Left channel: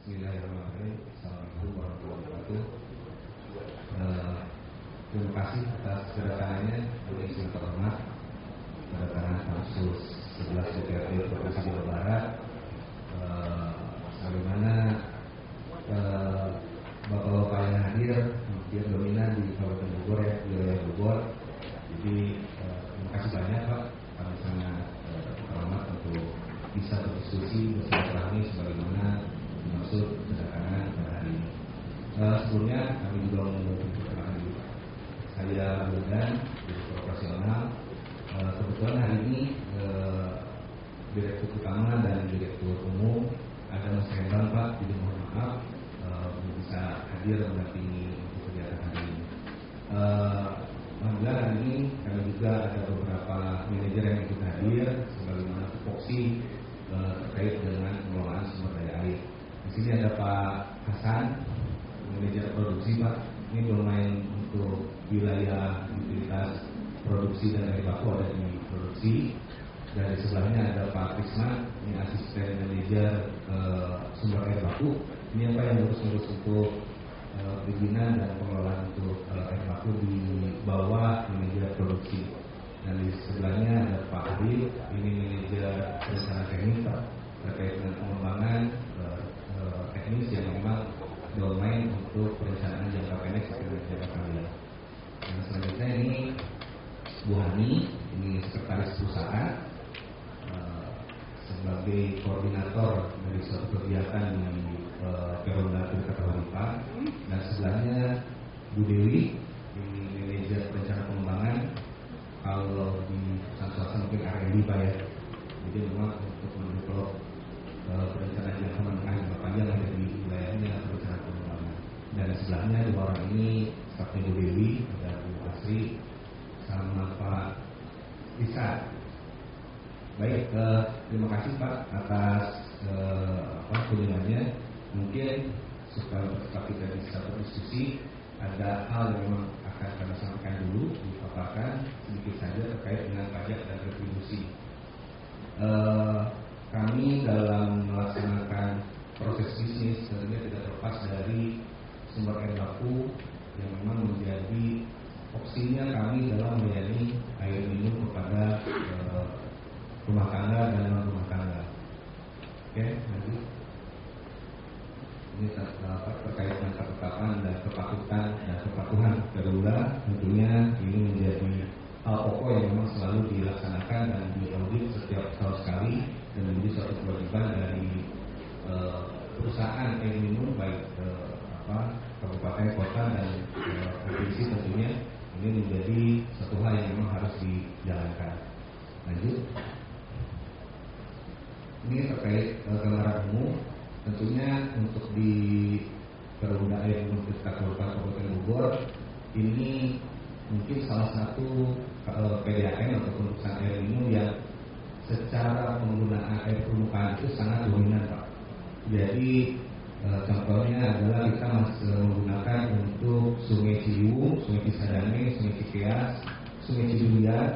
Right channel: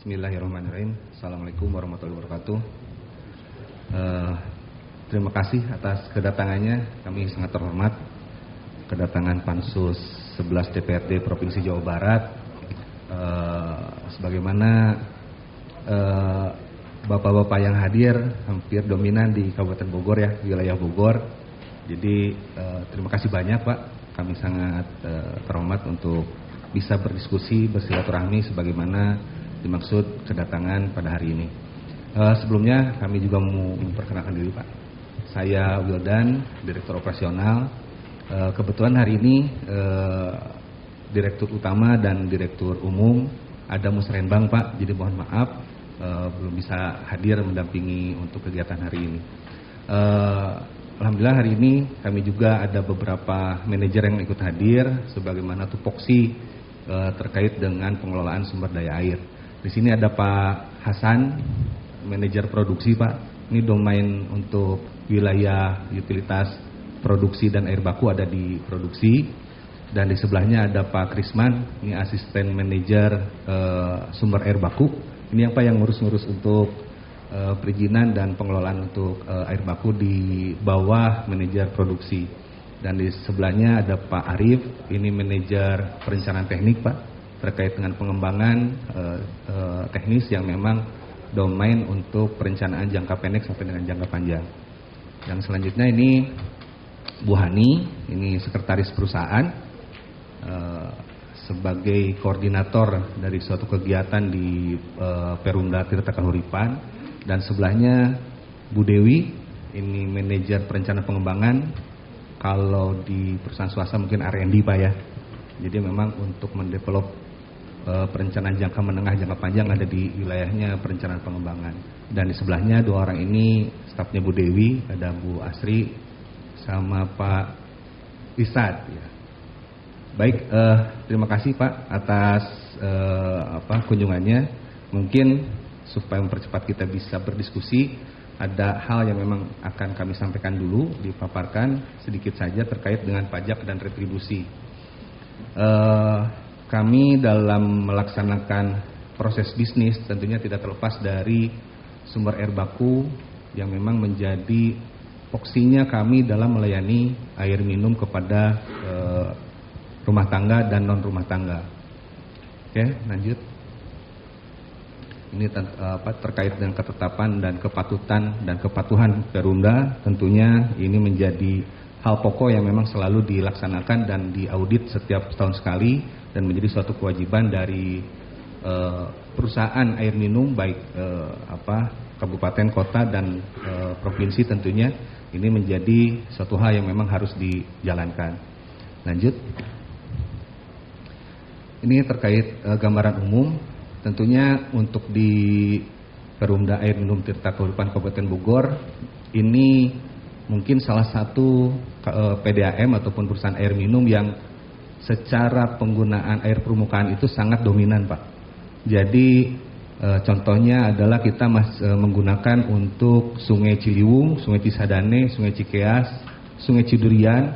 Bismillahirrahmanirrahim. Assalamualaikum warahmatullahi wabarakatuh. Terima kasih atas kedatangannya. Kami sangat terhormat kedatangan Pansus 11 DPRD Provinsi Jawa Barat. Sebagaimana bapak-bapak yang hadir hampir dominan di Kabupaten Bogor ya, wilayah Bogor. Jadi terima kasih banyak Pak. Kami sangat terhormat untuk bisa berdiskusi, bersilaturahmi sebagaimana dimaksud kedatangan pada hari ini. Sebelumnya kami juga mau memperkenalkan diri Pak. Saya Wildan, Direktur Operasional. Kebetulan hari ini Direktur Utama dan Direktur Umum ada musrembang Pak, jadi mohon maaf belum bisa hadir mendampingi untuk kegiatan hari ini. Alhamdulillah hari ini kami juga ada beberapa manajer yang ikut hadir sebagaimana tupoksi terkait dengan pengelolaan sumber daya air. Di sini ada Pak Hasan, manajer produksi Pak. Ini domain untuk wilayah utilitas produksi dan air baku ada di produksi. Dan di sebelahnya ada Pak Krisman, ini asisten manajer sumber air baku. Ini apa yang ngurus-ngurus untuk perizinan dan pengelolaan untuk air baku di bawah manajer produksi. Dan di sebelahnya ada Pak Arif, ini manajer perencanaan teknik Pak, terkait dengan pengembangan teknis yang memang domain untuk perencanaan jangka pendek sampai dengan jangka panjang. Dan selanjutnya ini Bu Hani, ini sekretaris perusahaan sebagai koordinator dari suatu kegiatan di Perumda Tirta Kahuripan. Dan sebelahnya Bu Dewi, ini manajer perencanaan pengembangan. Kalau di perusahaan swasta mungkin R&D Pak ya. Jadi memang untuk mendevelop perencanaan jangka menengah jangka panjang ada di wilayahnya perencanaan pengembangan. Dan di sebelahnya dua orang ini stafnya Bu Dewi, ada Bu Asri sama Pak Isad. Baik, terima kasih Pak atas kunjungannya. Mungkin supaya mempercepat kita bisa berdiskusi, ada hal yang memang akan kami sampaikan dulu, dipaparkan sedikit saja terkait dengan pajak dan retribusi. Kami dalam melaksanakan proses bisnis tentunya tidak terlepas dari sumber air baku yang memang menjadi opsinya kami dalam melayani air minum kepada rumah tangga dan non rumah tangga. Oke, lanjut. Ini terkait dengan ketetapan dan kepatutan dan kepatuhan Perumda, tentunya ini menjadi hal pokok yang memang selalu dilaksanakan dan diaudit setiap tahun sekali dan menjadi suatu kewajiban dari perusahaan air minum baik kabupaten, kota dan provinsi tentunya. Ini menjadi suatu hal yang memang harus dijalankan. Lanjut. Ini terkait gambaran umum. Tentunya untuk di Perumda Air Minum Tirta Kahuripan Kabupaten Bogor ini mungkin salah satu PDAM ataupun perusahaan air minum yang secara penggunaan air permukaan itu sangat dominan Pak. Jadi contohnya adalah kita menggunakan untuk Sungai Ciliwung, Sungai Cisadane, Sungai Cikeas, Sungai Cidurian,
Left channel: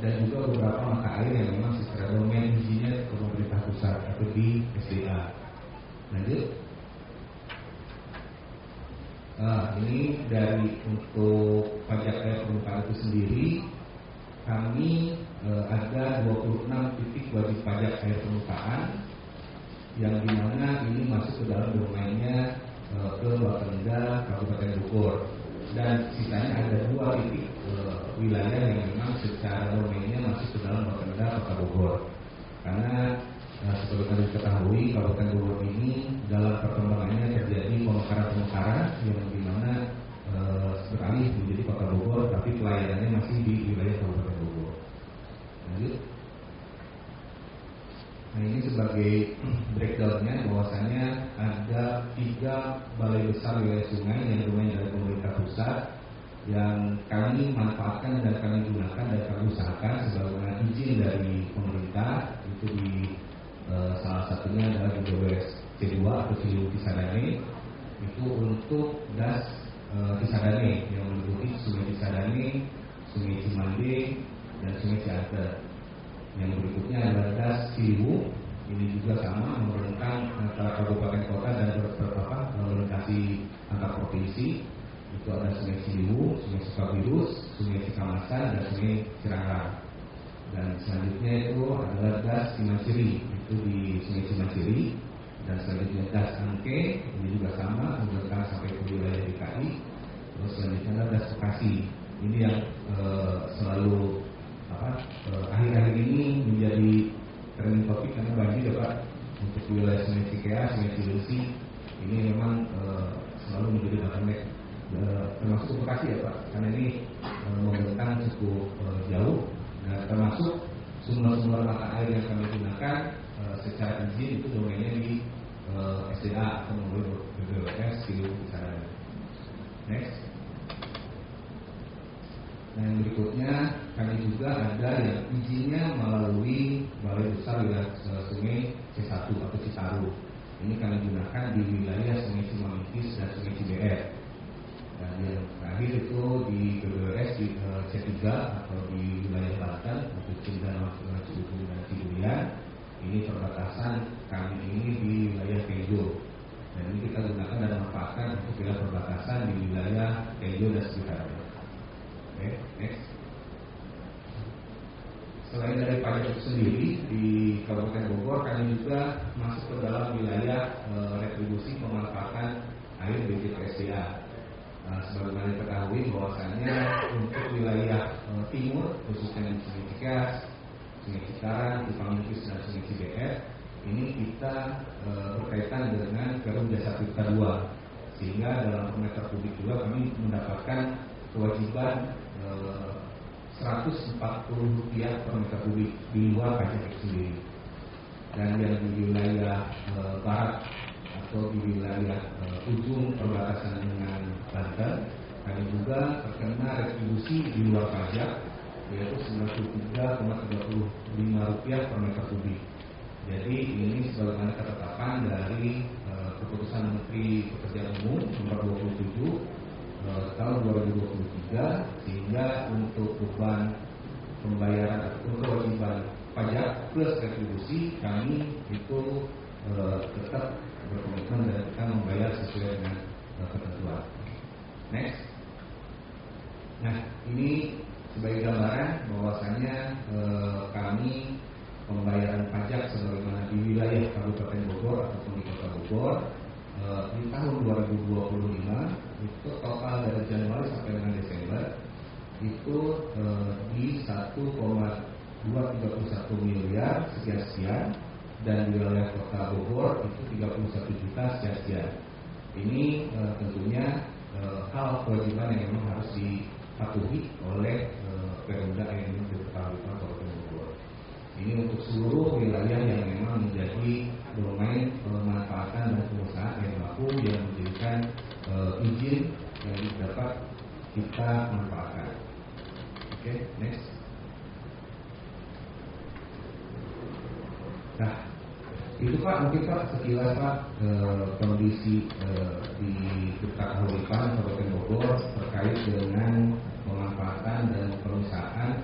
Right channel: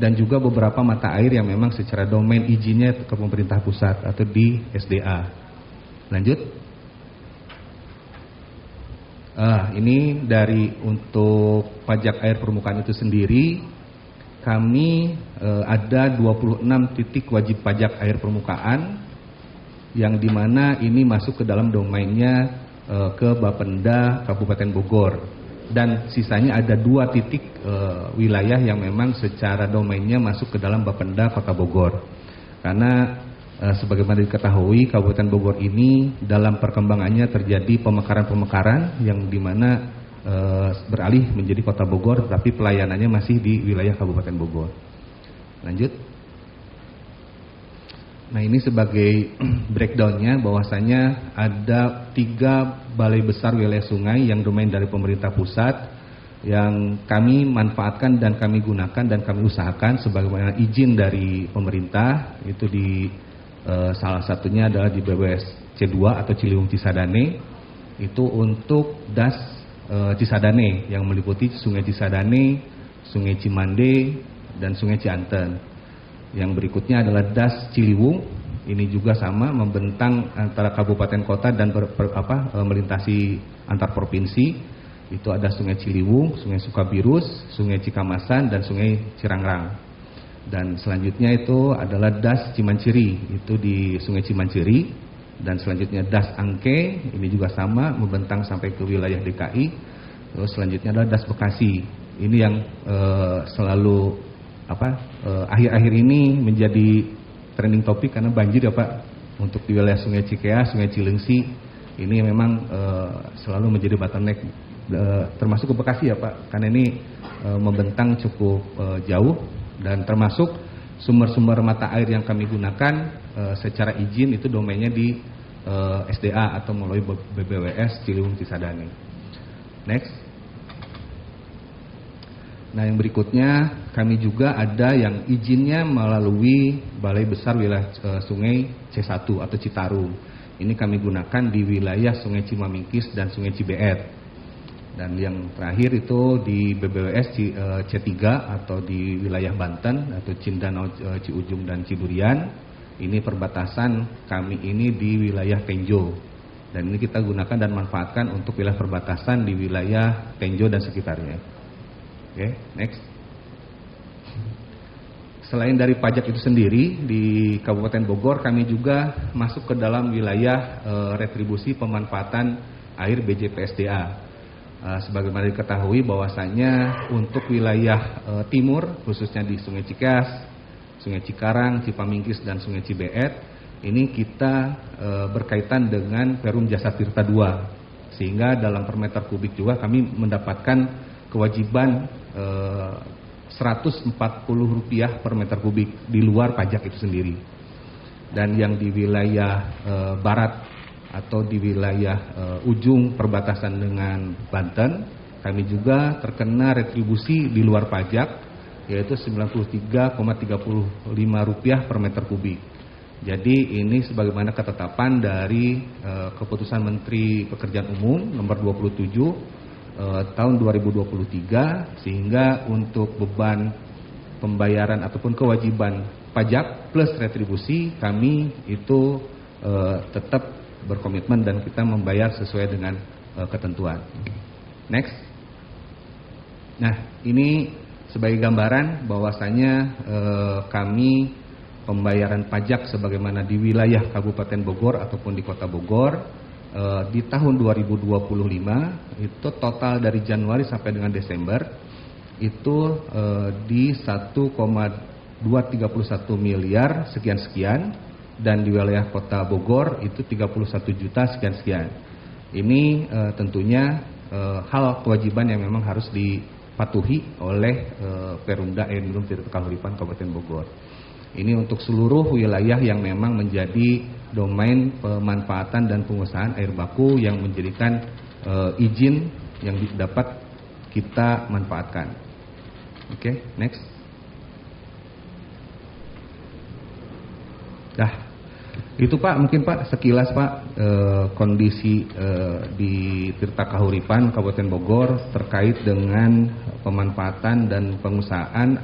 dan juga beberapa mata air yang memang secara domain izinnya ke pemerintah pusat atau di SDA. Lanjut. Ini dari untuk pajak air permukaan itu sendiri, kami ada 26 titik wajib pajak air permukaan yang dimana ini masuk ke dalam domainnya ke Bapenda Kabupaten Bogor. Dan sisanya ada 2 titik wilayah yang memang secara domainnya masuk ke dalam Bapenda Kota Bogor. Karena sebagaimana diketahui Kabupaten Bogor ini dalam perkembangannya terjadi pemekaran-pemekaran yang dimana beralih menjadi Kota Bogor, tapi pelayanannya masih di wilayah Kabupaten Bogor. Lanjut. Nah ini sebagai breakdownnya bahwasanya ada 3 balai besar wilayah sungai yang domain dari pemerintah pusat yang kami manfaatkan dan kami gunakan dan kami usahakan sebagaimana izin dari pemerintah itu di salah satunya adalah di BWS C2 atau Ciliwung Cisadane itu untuk das Cisadane yang meliputi Sungai Cisadane, Sungai Cimande dan Sungai Cianten. Yang berikutnya adalah das Ciliwung Ini juga sama, membentang antara kabupaten kota dan melintasi antar provinsi. Itu ada Sungai Ciliwung, Sungai Sukabirus, Sungai Cikamasan, dan Sungai Cirangrang. Dan selanjutnya itu adalah Das Cimanciri, itu di Sungai Cimanciri. Dan selanjutnya Das Angke, ini juga sama, membentang sampai ke wilayah DKI. Terus selanjutnya adalah Das Bekasi. Ini yang selalu akhir-akhir ini menjadi trending topik karena banjir ya Pak, untuk di wilayah Sungai Cikeas, Sungai Cilengsi. Ini memang selalu menjadi bottleneck, termasuk ke Bekasi ya Pak, karena ini membentang cukup jauh, dan termasuk sumber-sumber mata air yang kami gunakan secara izin itu domainnya di SDA atau melalui BPWS Ciliwung Cisadane. Next. Nah, yang berikutnya kami juga ada yang izinnya melalui Balai Besar Wilayah Sungai C1 atau Citarum. Ini kami gunakan di wilayah Sungai Cimamingkis dan Sungai Cibeet. Dan yang terakhir itu di BBWS C3 atau di wilayah Banten atau Cindanau, Ciujung dan Cidurian. Ini perbatasan kami ini di wilayah Tenjo. Dan ini kita gunakan dan manfaatkan untuk wilayah perbatasan di wilayah Tenjo dan sekitarnya. Oke, next. Selain dari pajak itu sendiri, di Kabupaten Bogor kami juga masuk ke dalam wilayah retribusi pemanfaatan air BJPSDA. Sebagaimana diketahui bahwasanya untuk wilayah timur, khususnya di Sungai Cikeas, Sungai Cikarang, Cipamingkis, dan Sungai Cibeet, ini kita berkaitan dengan Perum Jasa Tirta II. Sehingga dalam per meter kubik juga kami mendapatkan kewajiban Rp140 per meter kubik di luar pajak itu sendiri. Dan yang di wilayah barat atau di wilayah ujung perbatasan dengan Banten, kami juga terkena retribusi di luar pajak, yaitu Rp93,35 per meter kubik. Jadi ini sebagaimana ketetapan dari Keputusan Menteri Pekerjaan Umum nomor 27 tahun 2023, sehingga untuk beban pembayaran ataupun kewajiban pajak plus retribusi kami itu tetap berkomitmen dan kita membayar sesuai dengan ketentuan. Next. Nah, ini sebagai gambaran bahwasanya kami pembayaran pajak sebagaimana di wilayah Kabupaten Bogor ataupun di Kota Bogor di tahun 2025 itu total dari Januari sampai dengan Desember itu di 1,231 miliar sekian-sekian, dan di wilayah Kota Bogor itu 31 juta sekian-sekian. Ini tentunya hal kewajiban yang memang harus dipatuhi oleh Perumda Air Minum Tirta Kahuripan Kabupaten Bogor. Ini untuk seluruh wilayah yang memang menjadi domain pemanfaatan dan pengusahaan air baku yang menjadikan izin yang dapat kita manfaatkan. Oke, next. Dah, itu Pak, mungkin Pak sekilas Pak kondisi di Tirta Kahuripan Kabupaten Bogor terkait dengan pemanfaatan dan pengusahaan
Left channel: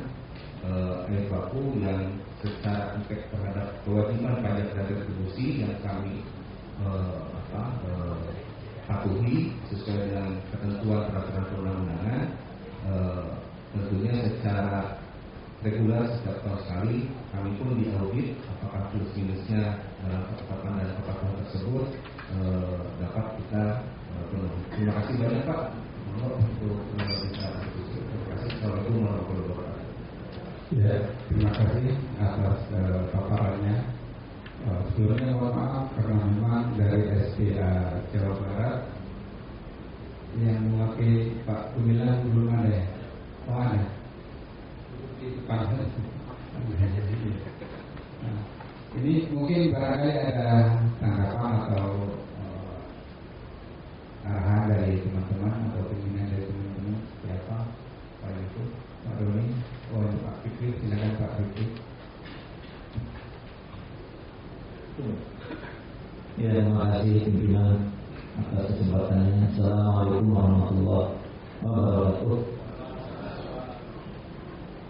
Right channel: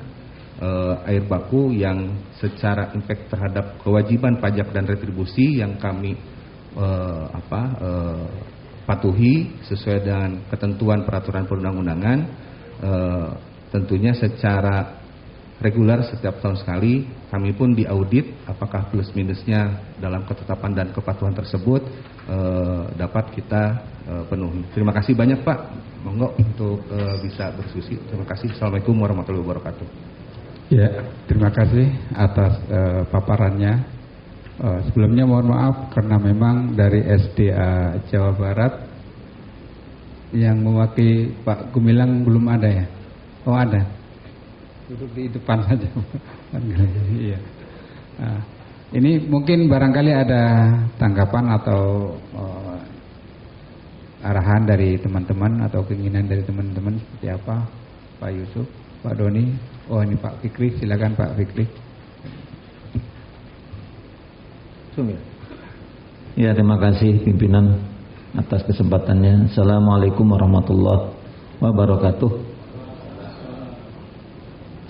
air baku yang secara impact terhadap kewajiban pajak dan retribusi yang kami patuhi sesuai dengan ketentuan peraturan perundang-undangan. Tentunya secara reguler setiap tahun sekali kami pun diaudit apakah plus minusnya dalam ketetapan dan kepatuhan tersebut dapat kita penuhi. Terima kasih banyak Pak, monggo untuk bisa berdiskusi. Terima kasih. Assalamualaikum warahmatullahi wabarakatuh. Ya, terima kasih atas paparannya. Sebelumnya mohon maaf karena memang dari SDA Jawa Barat yang mewakili Pak Gumilang belum ada ya? Oh ada, duduk di depan saja. Iya. Nah, ini mungkin barangkali ada tanggapan atau arahan dari teman-teman atau keinginan dari teman-teman seperti apa? Pak Yusuf, Pak Doni. Oh ini Pak Fikri, silakan Pak Fikri. Ya, terima kasih pimpinan atas kesempatannya. Assalamualaikum warahmatullahi wabarakatuh.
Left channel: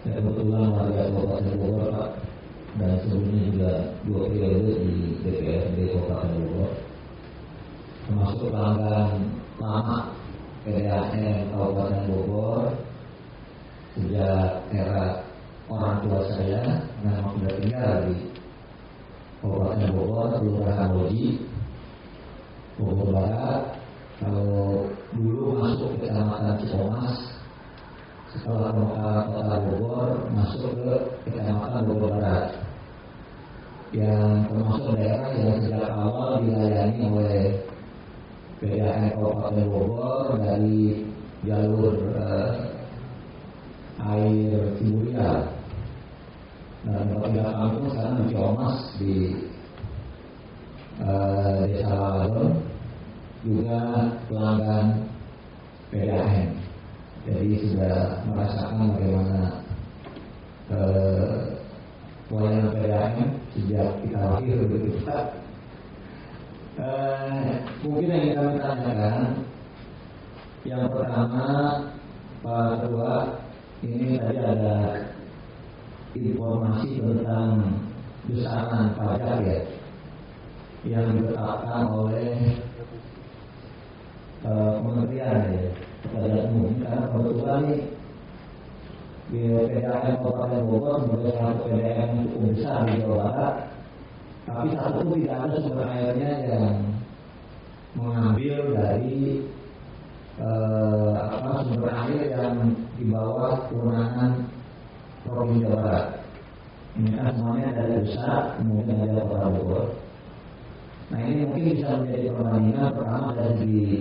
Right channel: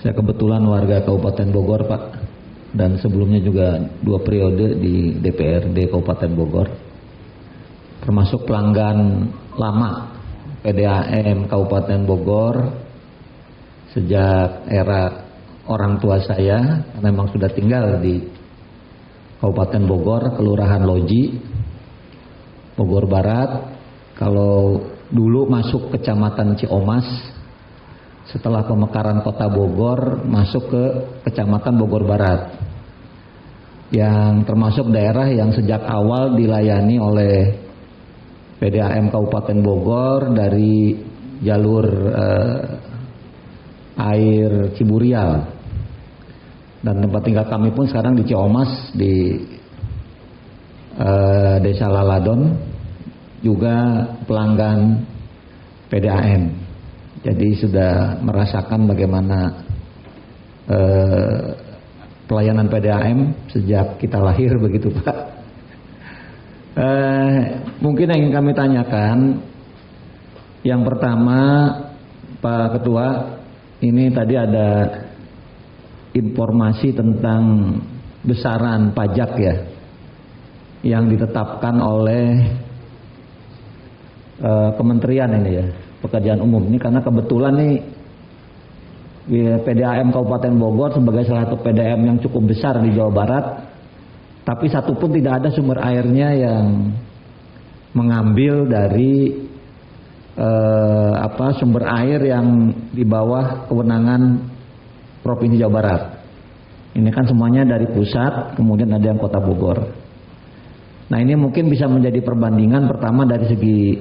Saya kebetulan warga Kabupaten Bogor Pak, dan sebelumnya juga 2 periode di DPRD Kabupaten Bogor, termasuk pelanggan lama PDAM Kabupaten Bogor sejak era orang tua saya, memang sudah tinggal di Kabupaten Bogor, Kelurahan Loji, Bogor Barat. Kalau dulu masuk Kecamatan Ciomas, setelah pemekaran Kota Bogor masuk ke Kecamatan Bogor Barat, yang termasuk daerah yang sejak awal dilayani oleh PDAM Kabupaten Bogor dari jalur air Ciburial, dan tempat tinggal kami pun sekarang di Ciomas, di Desa Laladon, juga pelanggan PDAM. Jadi sudah merasakan bagaimana pelayanan PDAM sejak kita lahir, begitu Pak. Mungkin yang ingin kami tanyakan, yang pertama Pak Ketua, ini tadi ada informasi tentang besaran pajak ya yang ditetapkan oleh Kementerian ini ya, Pekerjaan Umum ini, karena kebetulan nih PDAM Kabupaten Bogor sebagai salah satu PDAM yang cukup besar di Jawa Barat, tapi satupun tidak ada sumber airnya yang mengambil dari sumber air yang di bawah kewenangan Provinsi Jawa Barat. Ini kan semuanya dari pusat, kemudian ada yang Kota Bogor. Nah, ini mungkin bisa menjadi perbandingan pertama dari segi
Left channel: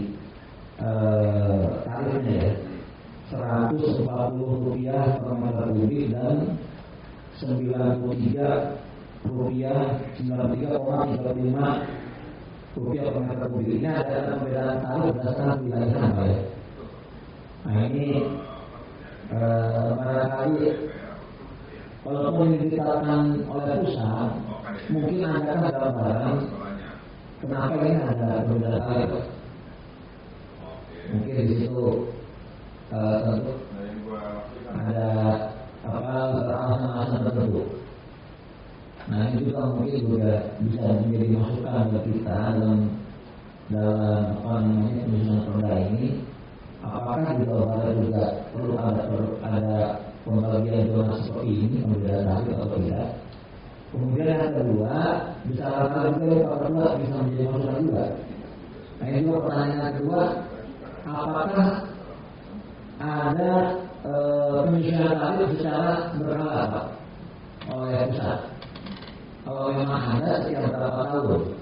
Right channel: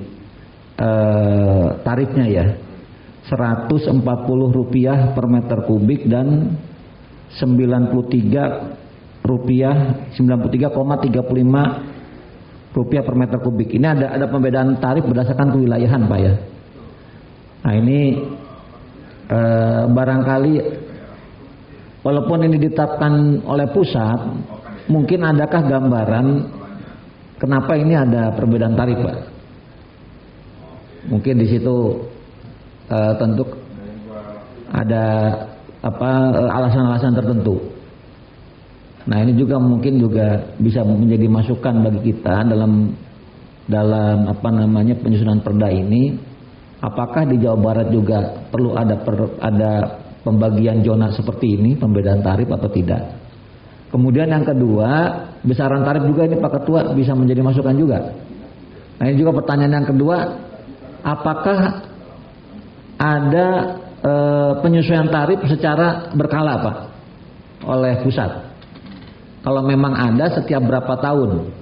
tarifnya ya, Rp140 per meter kubik dan Rp93,35 per meter kubik. Ini ada pembedaan tarif berdasarkan kewilayahan Pak ya. Nah ini barangkali walaupun ini ditetapkan oleh pusat, mungkin adakah gambaran kenapa ini ada perbedaan tarif Pak? Mungkin di situ tentu ada alasan-alasan tertentu. Nah ini juga mungkin juga bisa menjadi masukan bagi kita dalam penyusunan perda ini. Apakah di Jawa Barat juga perlu ada pembagian zona seperti ini, pembedaan tarif atau tidak? Kemudian yang kedua, besaran tarif juga ini Pak Ketua bisa menjadi masukan juga. Nah ini juga pertanyaan yang kedua, apakah ada penyesuaian tarif secara berkala Pak oleh pusat? Kalau memang ada, setiap berapa tahun?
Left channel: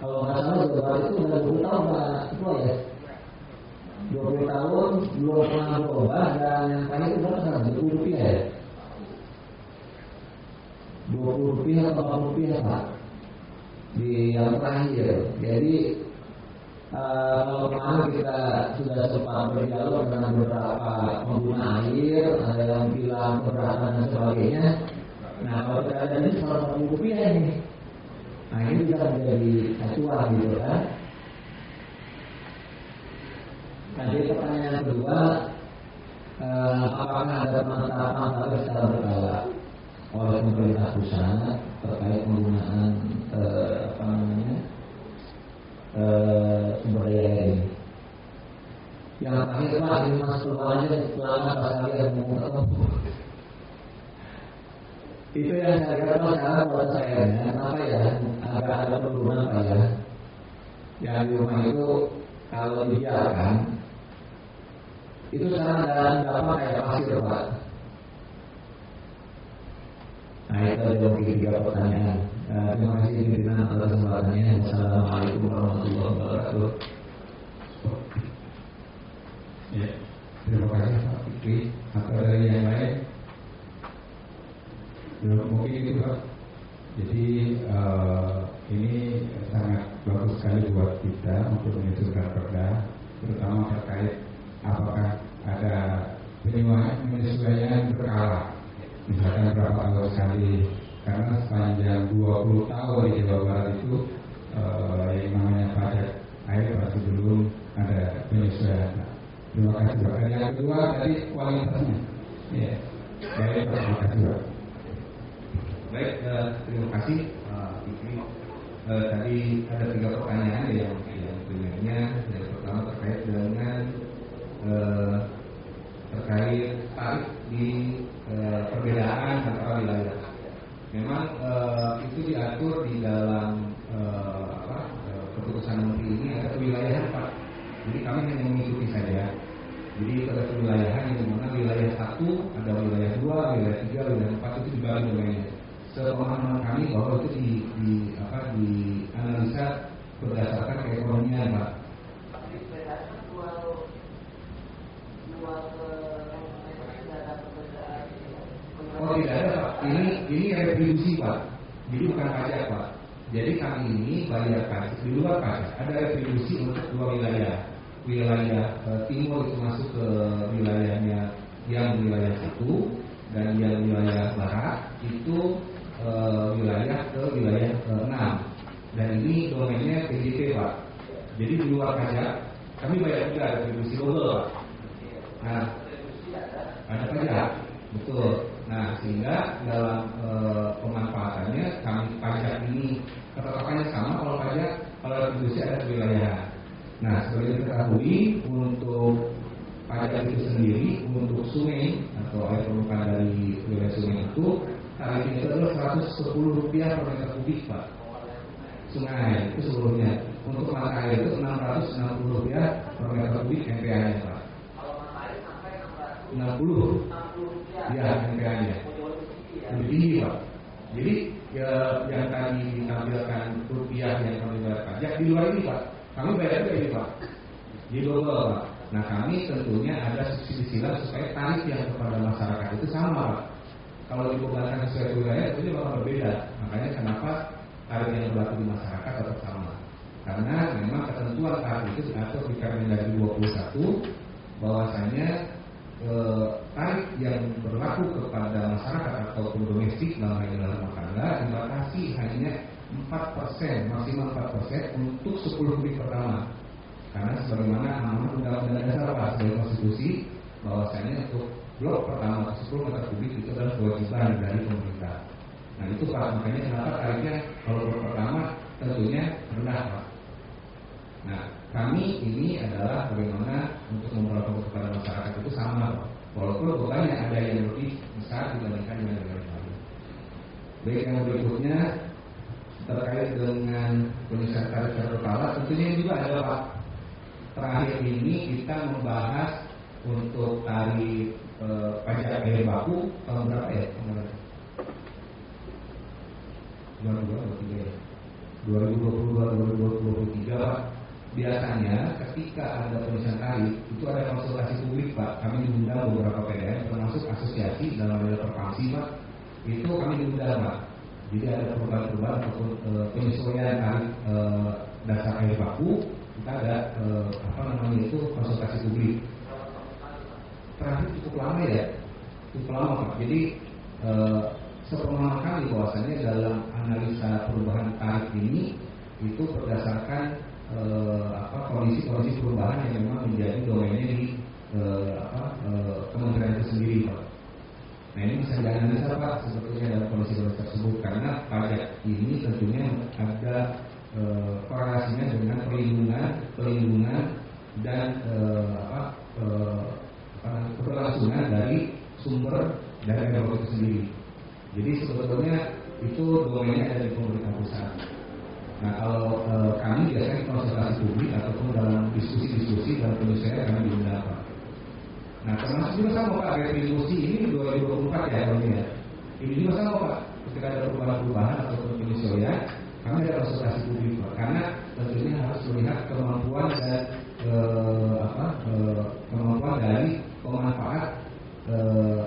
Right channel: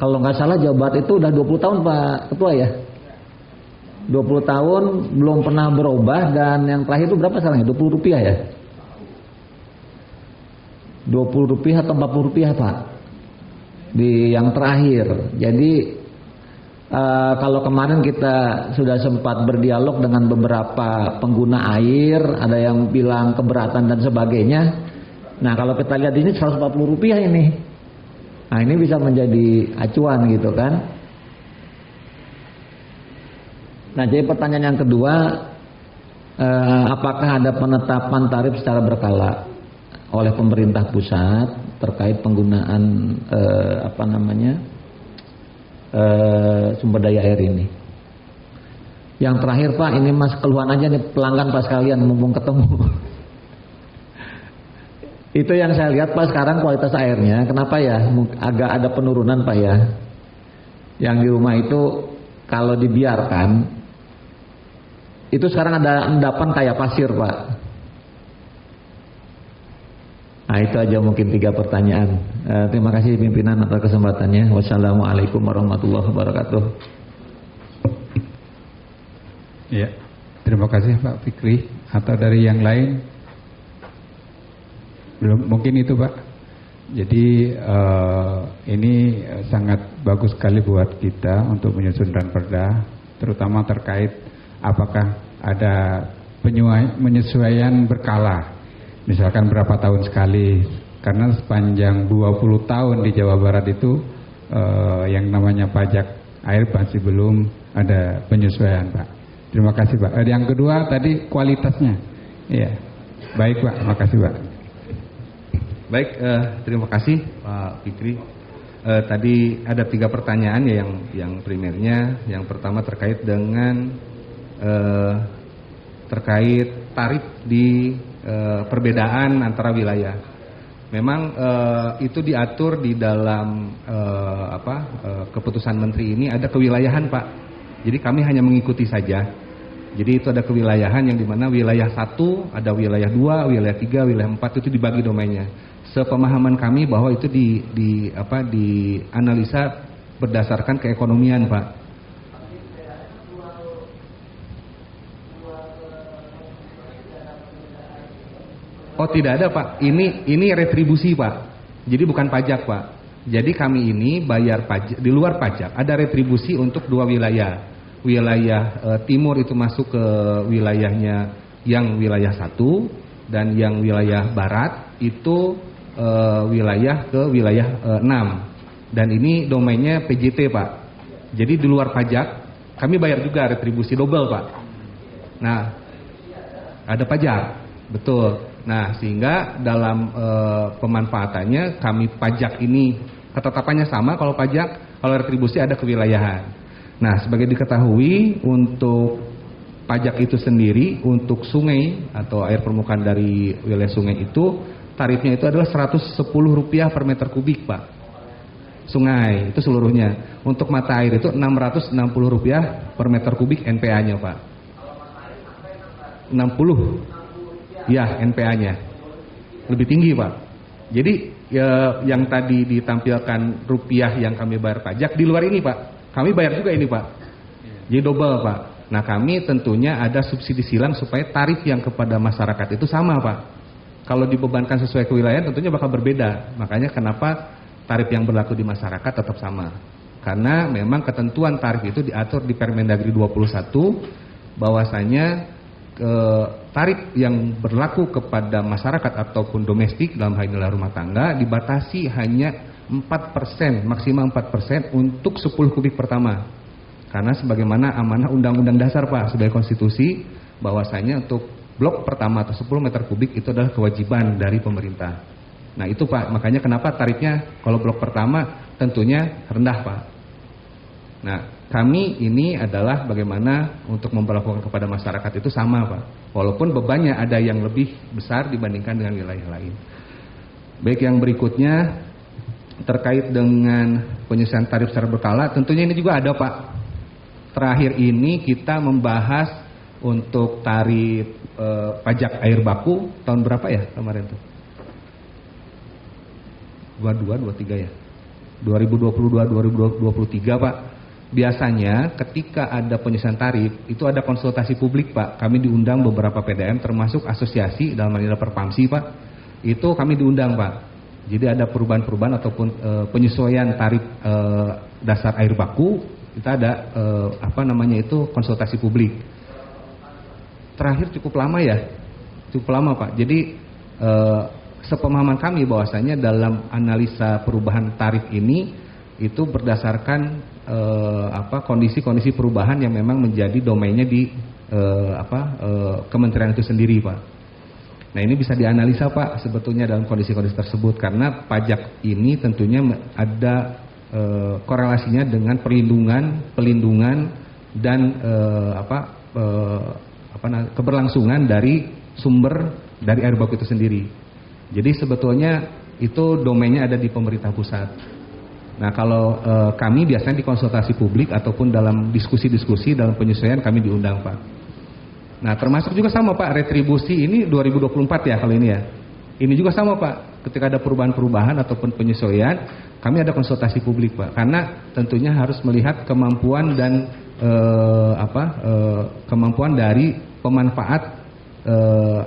Kalau nggak salah Jawa Barat itu udah 20 tahun Pak Ketua ya, 20 tahun belum pernah berubah, dan yang terakhir itu berapa sekarang? Rp20 ya? Rp20 atau Rp40 Pak di yang terakhir. Jadi kalau kemarin kita sudah sempat berdialog dengan beberapa pengguna air, ada yang bilang keberatan dan sebagainya. Nah kalau kita lihat ini Rp140 ini. Nah ini bisa menjadi acuan gitu kan. Nah jadi pertanyaan yang kedua, apakah ada penetapan tarif secara berkala oleh pemerintah pusat terkait penggunaan sumber daya air ini? Yang terakhir Pak, ini Mas keluhan aja nih pelanggan Pak sekalian, mumpung ketemu. Itu yang saya lihat Pak sekarang kualitas airnya, kenapa ya agak ada penurunan Pak ya. Yang di rumah itu kalau dibiarkan, itu sekarang ada endapan kayak pasir Pak. Nah itu aja mungkin 3 pertanyaan. Terima kasih pimpinan atas kesempatannya. Wassalamualaikum warahmatullahi wabarakatuh. Ya, terima kasih Pak Fikri. Atau dari yang lain? Belum, mungkin itu Pak. Jadi ini sangat bagus sekali buat kita untuk menyusunkan perda, terutama terkait apakah ada penyesuaian berkala, misalkan berapa tahun sekali, karena sepanjang 20 tahun di Jawa Barat itu yang namanya pajak air masih belum ada penyesuaian Pak. Terima kasih Pak. Yang kedua tadi kualitasnya. Iya. Baik Pak, terima kasih Pak. Baik, terima kasih Pak Fikri. Tadi ada 3 pertanyaan ya yang primernya. Yang pertama terkait dengan terkait tarif di perbedaan antara wilayah. Memang itu diatur di dalam keputusan Menteri ini ada kewilayahan Pak. Jadi kami hanya mengikuti saja. Jadi itu ada kewilayahan yang dimana wilayah 1, ada wilayah 2, wilayah 3, wilayah 4 itu dibagi domainnya. Sepemahaman kami bahwa itu dianalisa berdasarkan keekonomian Pak. Oh tidak ada Pak, ini retribusi Pak. Jadi bukan pajak Pak. Jadi kami ini bayar pajak di luar pajak. Ada retribusi untuk 2 wilayah. Wilayah timur itu masuk ke wilayahnya yang wilayah 1 dan yang wilayah barat itu wilayah ke wilayah 6. Dan ini domainnya PJT Pak. Jadi di luar pajak kami bayar juga retribusi double Pak. Nah ada pajak, betul. Nah sehingga dalam pemanfaatannya kami pajak ini ketetapannya sama kalau pajak, kalau retribusi ada kewilayahan. Nah sebagai diketahui untuk pajak itu sendiri untuk sungai atau air permukaan dari wilayah sungai itu tarifnya itu adalah Rp110 per meter kubik Pak. Sungai itu seluruhnya. Untuk mata air itu Rp660 per meter kubik NPA-nya Pak. 60 ya NPA-nya lebih tinggi Pak. Jadi yang tadi ditampilkan rupiah yang kami bayar pajak di luar ini Pak, kami bayar juga ini Pak. Jadi double Pak. Nah kami tentunya ada subsidi silang supaya tarif yang kepada masyarakat itu sama Pak. Kalau dibebankan sesuai kewilayahan tentunya bakal berbeda. Makanya kenapa tarif yang berlaku di masyarakat tetap sama. Karena memang ketentuan tarif itu diatur di Permendagri 21 bahwasanya tarif yang berlaku kepada masyarakat ataupun domestik dalam hal ini rumah tangga dibatasi hanya 4%, maksimal 4% untuk 10 kubik pertama. Karena sebagaimana amanah Undang-Undang Dasar Pak sebagai konstitusi bahwasanya untuk blok pertama atau 10 meter kubik itu adalah kewajiban dari pemerintah. Nah itu Pak, makanya kenapa tarifnya kalau blok pertama tentunya rendah Pak. Nah kami ini adalah bagaimana untuk memperlakukan kepada masyarakat itu sama Pak. Walaupun bebannya ada yang lebih besar dibandingkan dengan wilayah lain. Baik yang berikutnya terkait dengan penyesuaian tarif secara berkala, tentunya ini juga ada Pak. Terakhir ini kita membahas untuk tarif pajak air baku tahun berapa ya kemarin tuh? 23 ya? 2022, 2023 Pak. Biasanya ketika ada penyesuaian tarif itu ada konsultasi publik Pak. Kami diundang beberapa PDM termasuk asosiasi dalam hal ini Perpamsi Pak. Itu kami diundang Pak. Jadi ada perubahan-perubahan ataupun penyesuaian tarif dasar air baku. Kita ada konsultasi publik. Terakhir cukup lama ya, cukup lama Pak. Jadi sepemahaman kami bahwasanya dalam analisa perubahan tarif ini itu berdasarkan kondisi-kondisi perubahan yang memang menjadi domainnya di kementerian itu sendiri Pak. Nah ini bisa dianalisa Pak sebetulnya dalam kondisi-kondisi tersebut karena pajak ini tentunya ada korelasinya dengan pelindungan dan keberlangsungan dari sumber dari air baku itu sendiri. Jadi sebetulnya itu domainnya ada di pemerintah pusat. Nah kalau kami biasanya di konsultasi publik ataupun dalam diskusi-diskusi dalam penyesuaian kami diundang Pak. Nah termasuk juga sama Pak retribusi ini 2024 ya kalau ini ya. Ini juga sama Pak ketika ada perubahan-perubahan ataupun penyesuaian kami ada konsultasi publik Pak. Karena tentunya harus melihat kemampuan dan kemampuan dari pemanfaat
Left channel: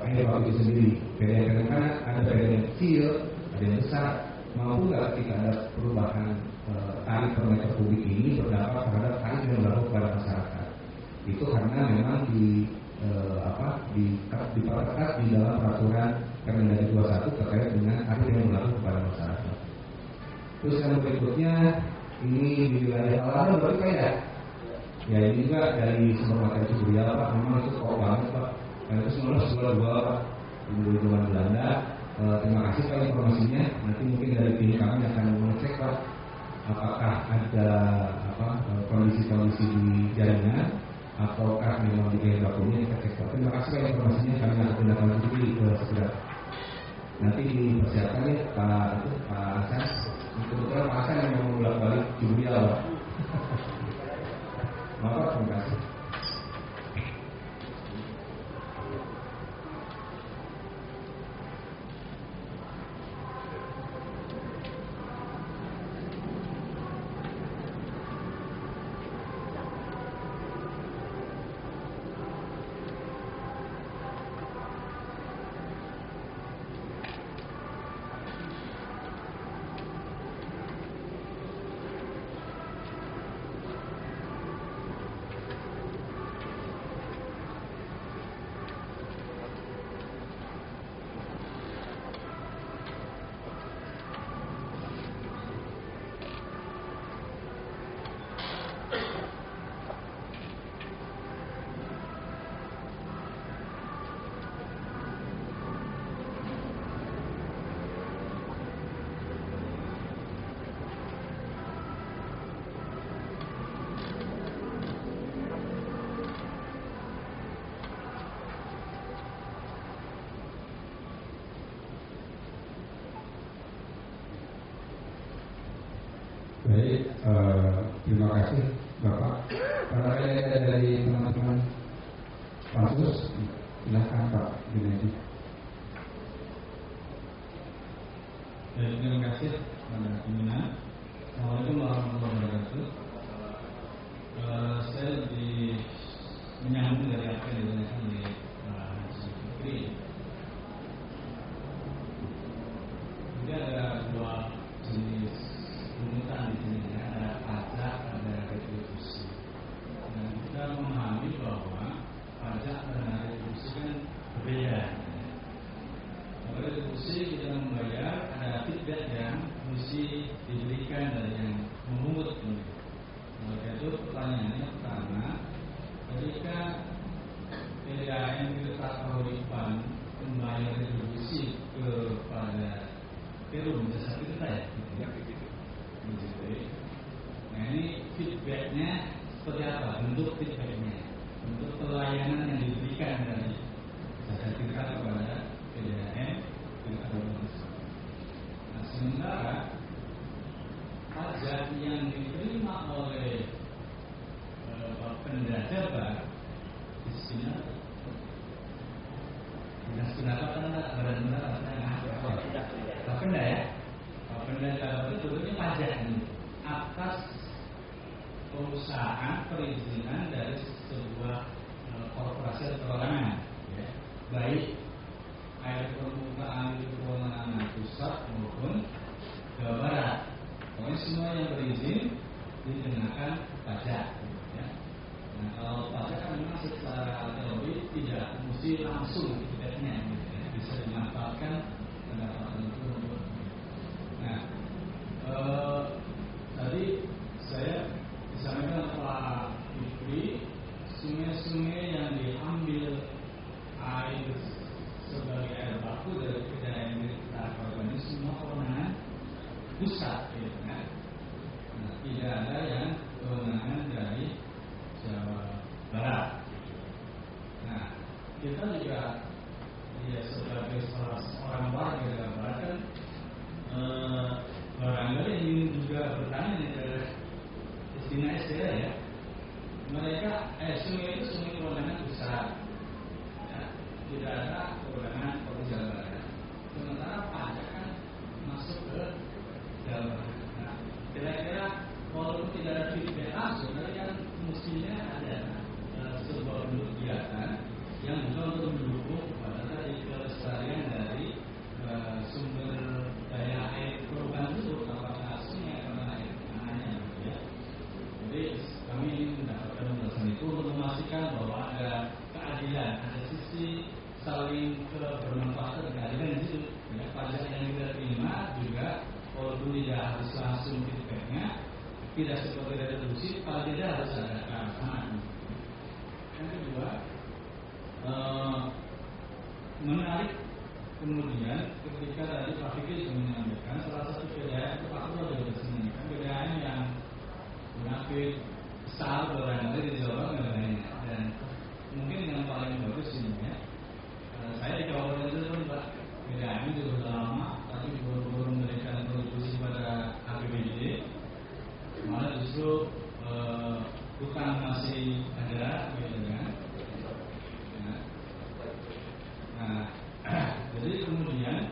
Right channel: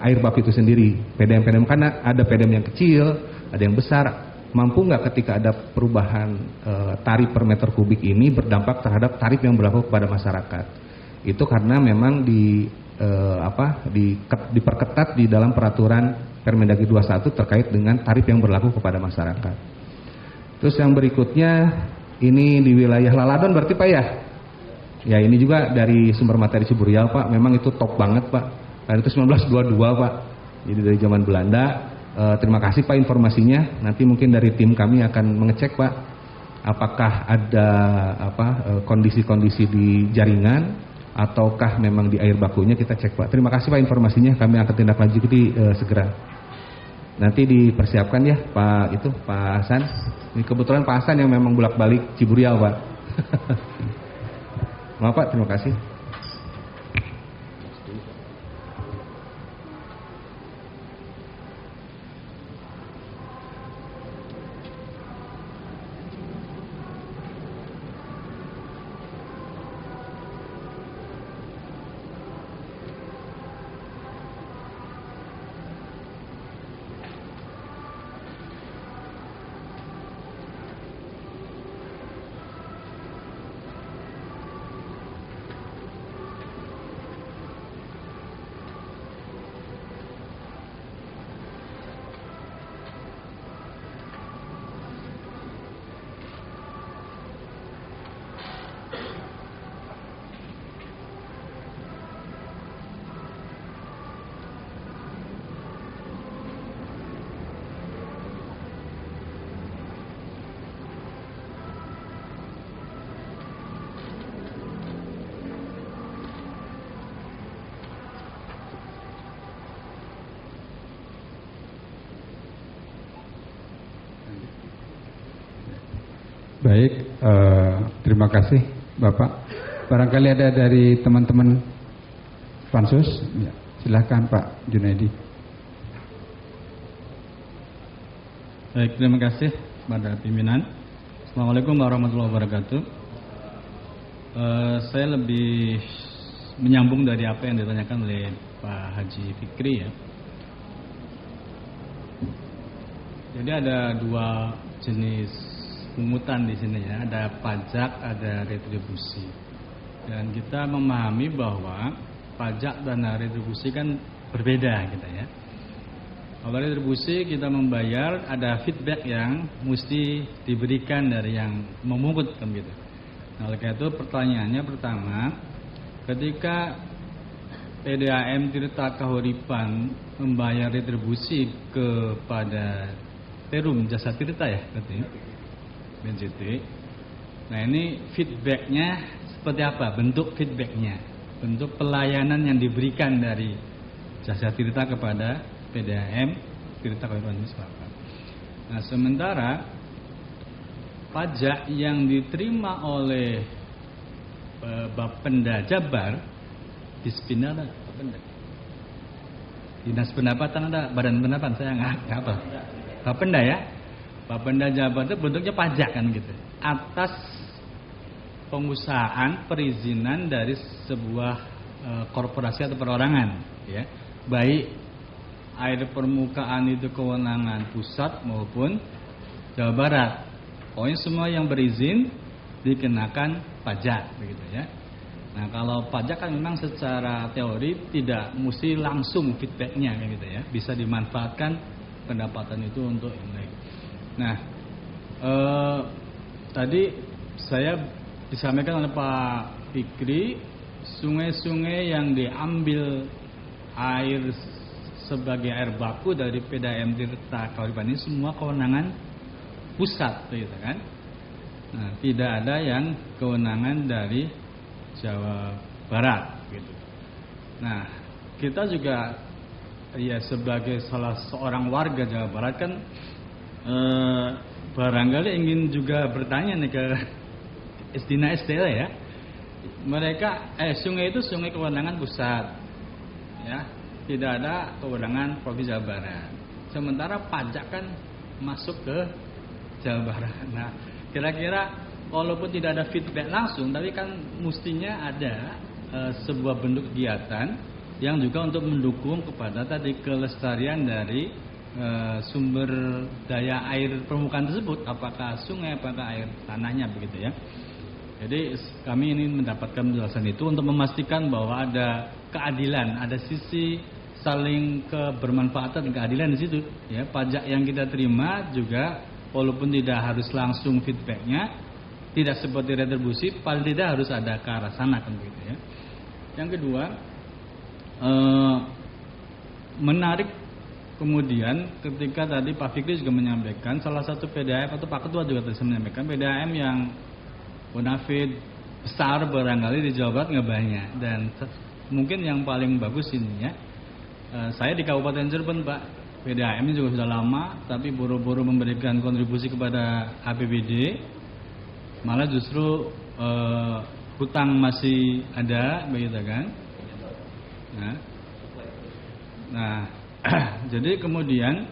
air baku itu sendiri. PDM karena ada PDM yang kecil, ada yang besar. Mampu nggak ketika ada perubahan tarif per meter kubik ini berdampak terhadap tarif yang berlaku kepada masyarakat. Itu karena memang diperketat di dalam peraturan Permendagri 21 terkait dengan tarif yang berlaku kepada masyarakat. Terus yang berikutnya ini di wilayah Laladon berarti Pak ya? Ya ini juga dari sumber materi Ciburial Pak, memang itu top banget Pak. Dan itu 1922 Pak, jadi dari zaman Belanda. Terima kasih Pak informasinya. Nanti mungkin dari tim kami akan mengecek Pak, apakah ada kondisi-kondisi di jaringan ataukah memang di air bakunya, kita cek Pak. Terima kasih Pak informasinya. Kami akan tindak lanjuti segera. Nanti dipersiapkan ya Pak Hasan. Ini kebetulan Pak Hasan yang memang bolak-balik Ciburial Pak. Maaf Pak, terima kasih. Baik, terima kasih Bapak. Barangkali ada dari teman-teman Pansus, ya, silahkan Pak Junaidi. Baik, terima kasih pada pimpinan. Assalamualaikum warahmatullahi wabarakatuh. Saya lebih menyambung dari apa yang ditanyakan oleh Pak Haji Fikri ya. Jadi ada dua jenis pungutan di sini ya, ada pajak, ada retribusi. Dan kita memahami bahwa pajak dan retribusi kan berbeda gitu ya. Kalau retribusi kita membayar, ada feedback yang mesti diberikan dari yang memungut kan gitu. Nah, oleh karena itu pertanyaannya pertama, ketika PDAM Tirta Kahuripan membayar retribusi kepada Perum Jasa Tirta ya, katanya. BNJT. Nah ini feedbacknya seperti apa? Bentuk feedbacknya, bentuk pelayanan yang diberikan dari Jasa Tirta kepada PDAM Tirta Kahuripan Selatan. Nah sementara pajak yang diterima oleh Bapenda Jabar Dispinda Dinas Pendapatan ada, Badan Pendapatan saya nggak apa. Bapenda ya. Bapenda Jabar itu bentuknya pajak kan gitu, atas pengusahaan perizinan dari sebuah korporasi atau perorangan ya, baik air permukaan itu kewenangan pusat maupun Jawa Barat. Pokoknya semua yang berizin dikenakan pajak begitu ya. Nah kalau pajak kan memang secara teori tidak mesti langsung feedbacknya gitu ya, bisa dimanfaatkan pendapatan itu untuk. Nah, tadi saya disampaikan oleh Pak Fikri, sungai-sungai yang diambil air sebagai air baku dari PDAM Tirta Kahuripan ini semua kewenangan pusat, gitu kan? Nah, tidak ada yang kewenangan dari Jawa Barat, gitu. Nah, kita juga ya sebagai salah seorang warga Jawa Barat kan. Barangkali ingin juga bertanya nih ke Isdina SDL ya. Mereka sungai itu sungai kewenangan pusat ya, tidak ada kewenangan Provinsi Jawa Barat. Sementara pajak kan masuk ke Jawa Barat. Nah, kira-kira walaupun tidak ada feedback langsung, tapi kan mestinya ada sebuah bentuk kegiatan yang juga untuk mendukung kepada tadi kelestarian dari sumber daya air permukaan tersebut, apakah sungai, apakah air tanahnya begitu ya. Jadi kami ini mendapatkan penjelasan itu untuk memastikan bahwa ada keadilan, ada sisi saling kebermanfaatan dan keadilan di situ ya. Pajak yang kita terima juga walaupun tidak harus langsung feedbacknya, tidak seperti retribusi, paling tidak harus ada ke arah sana kan gitu ya. Yang kedua, menarik kemudian ketika tadi Pak Fikri juga menyampaikan salah satu PDAM atau Pak Ketua juga tadi menyampaikan PDAM yang bonafide besar barangkali di Jawa Barat nggak banyak, dan mungkin yang paling bagus ini ya, saya di Kabupaten Cirebon Pak, PDAM ini juga sudah lama tapi buru-buru memberikan kontribusi kepada APBD, malah justru hutang masih ada begitu kan. Nah jadi kemudian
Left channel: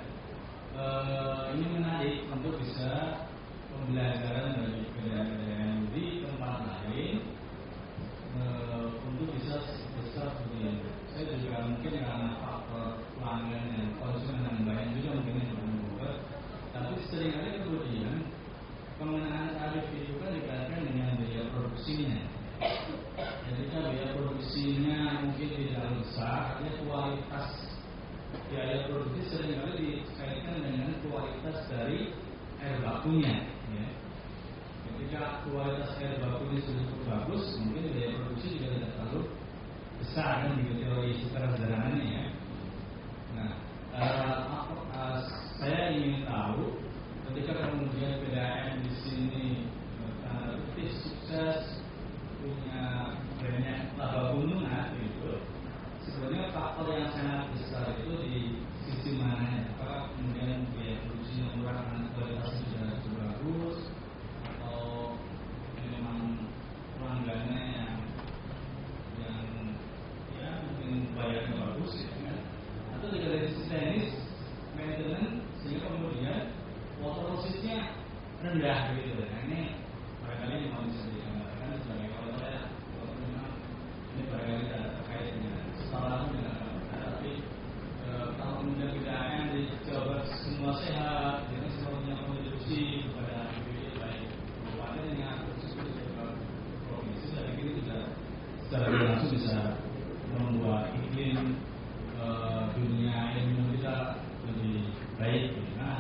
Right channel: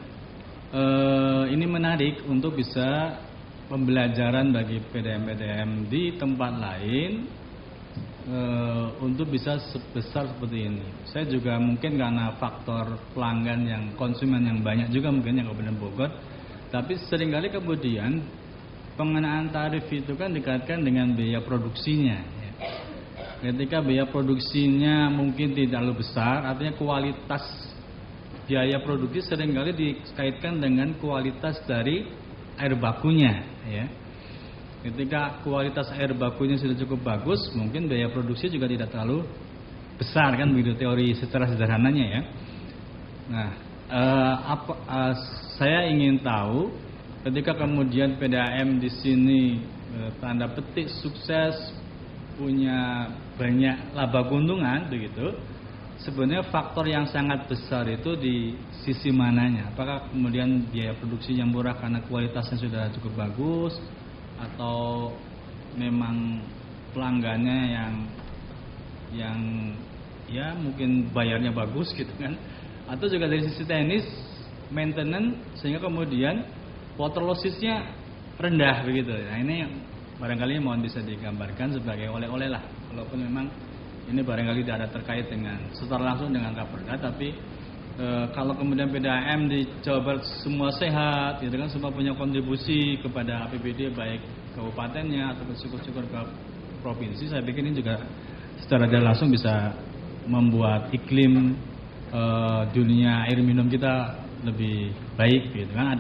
ini menarik untuk bisa pembelajaran bagi PDAM-PDAM di tempat lain untuk bisa sebesar seperti ini. Saya juga mungkin karena faktor pelanggan yang konsumen yang banyak juga mungkin yang Kabupaten Bogor, tapi seringkali kemudian pengenaan tarif itu kan dikaitkan dengan biaya produksinya. Ketika biaya produksinya mungkin tidak terlalu besar, artinya kualitas biaya produksi seringkali dikaitkan dengan kualitas dari air bakunya ya. Ketika kualitas air bakunya sudah cukup bagus, mungkin biaya produksi juga tidak terlalu besar kan, begitu teori secara sederhananya ya. Nah, saya ingin tahu ketika kemudian PDAM di sini tanda petik sukses, punya banyak laba keuntungan begitu, sebenarnya faktor yang sangat besar itu di sisi mananya? Apakah kemudian biaya produksi yang murah karena kualitasnya sudah cukup bagus, atau memang pelanggannya yang ya mungkin bayarnya bagus gitu kan, atau juga dari sisi teknis maintenance sehingga kemudian water lossesnya rendah begitu. Nah ini barangkali mohon bisa digambarkan sebagai oleh-oleh lah, walaupun memang ini barangkali tidak ada terkait dengan secara langsung dengan Kapolda, tapi kalau kemudian PDAM di Jawa Barat semua sehat, gitu kan, semua punya kontribusi kepada APBD baik kabupatennya atau syukur-syukur ke provinsi, saya pikir ini juga secara tidak langsung bisa membuat iklim dunia air minum kita lebih baik, gitu kan.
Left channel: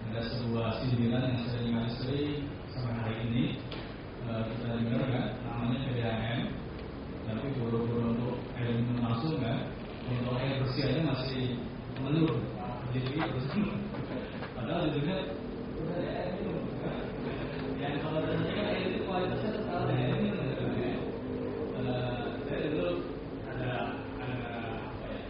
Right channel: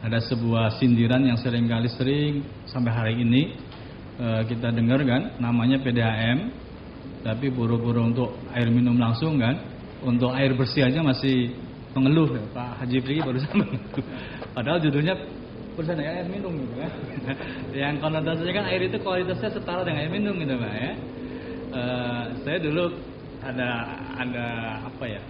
Ada sebuah sindiran yang sering sampai hari ini kita dengar kan, namanya PDAM, tapi buru-buru untuk air minum langsung kan, untuk air bersih aja masih mengeluh. Pak Haji Fikri barusan padahal judulnya perusahaan air minum kan? Yang konotasinya kan air itu kualitasnya setara dengan air minum gitu Pak ya. Saya dulu ada apa ya,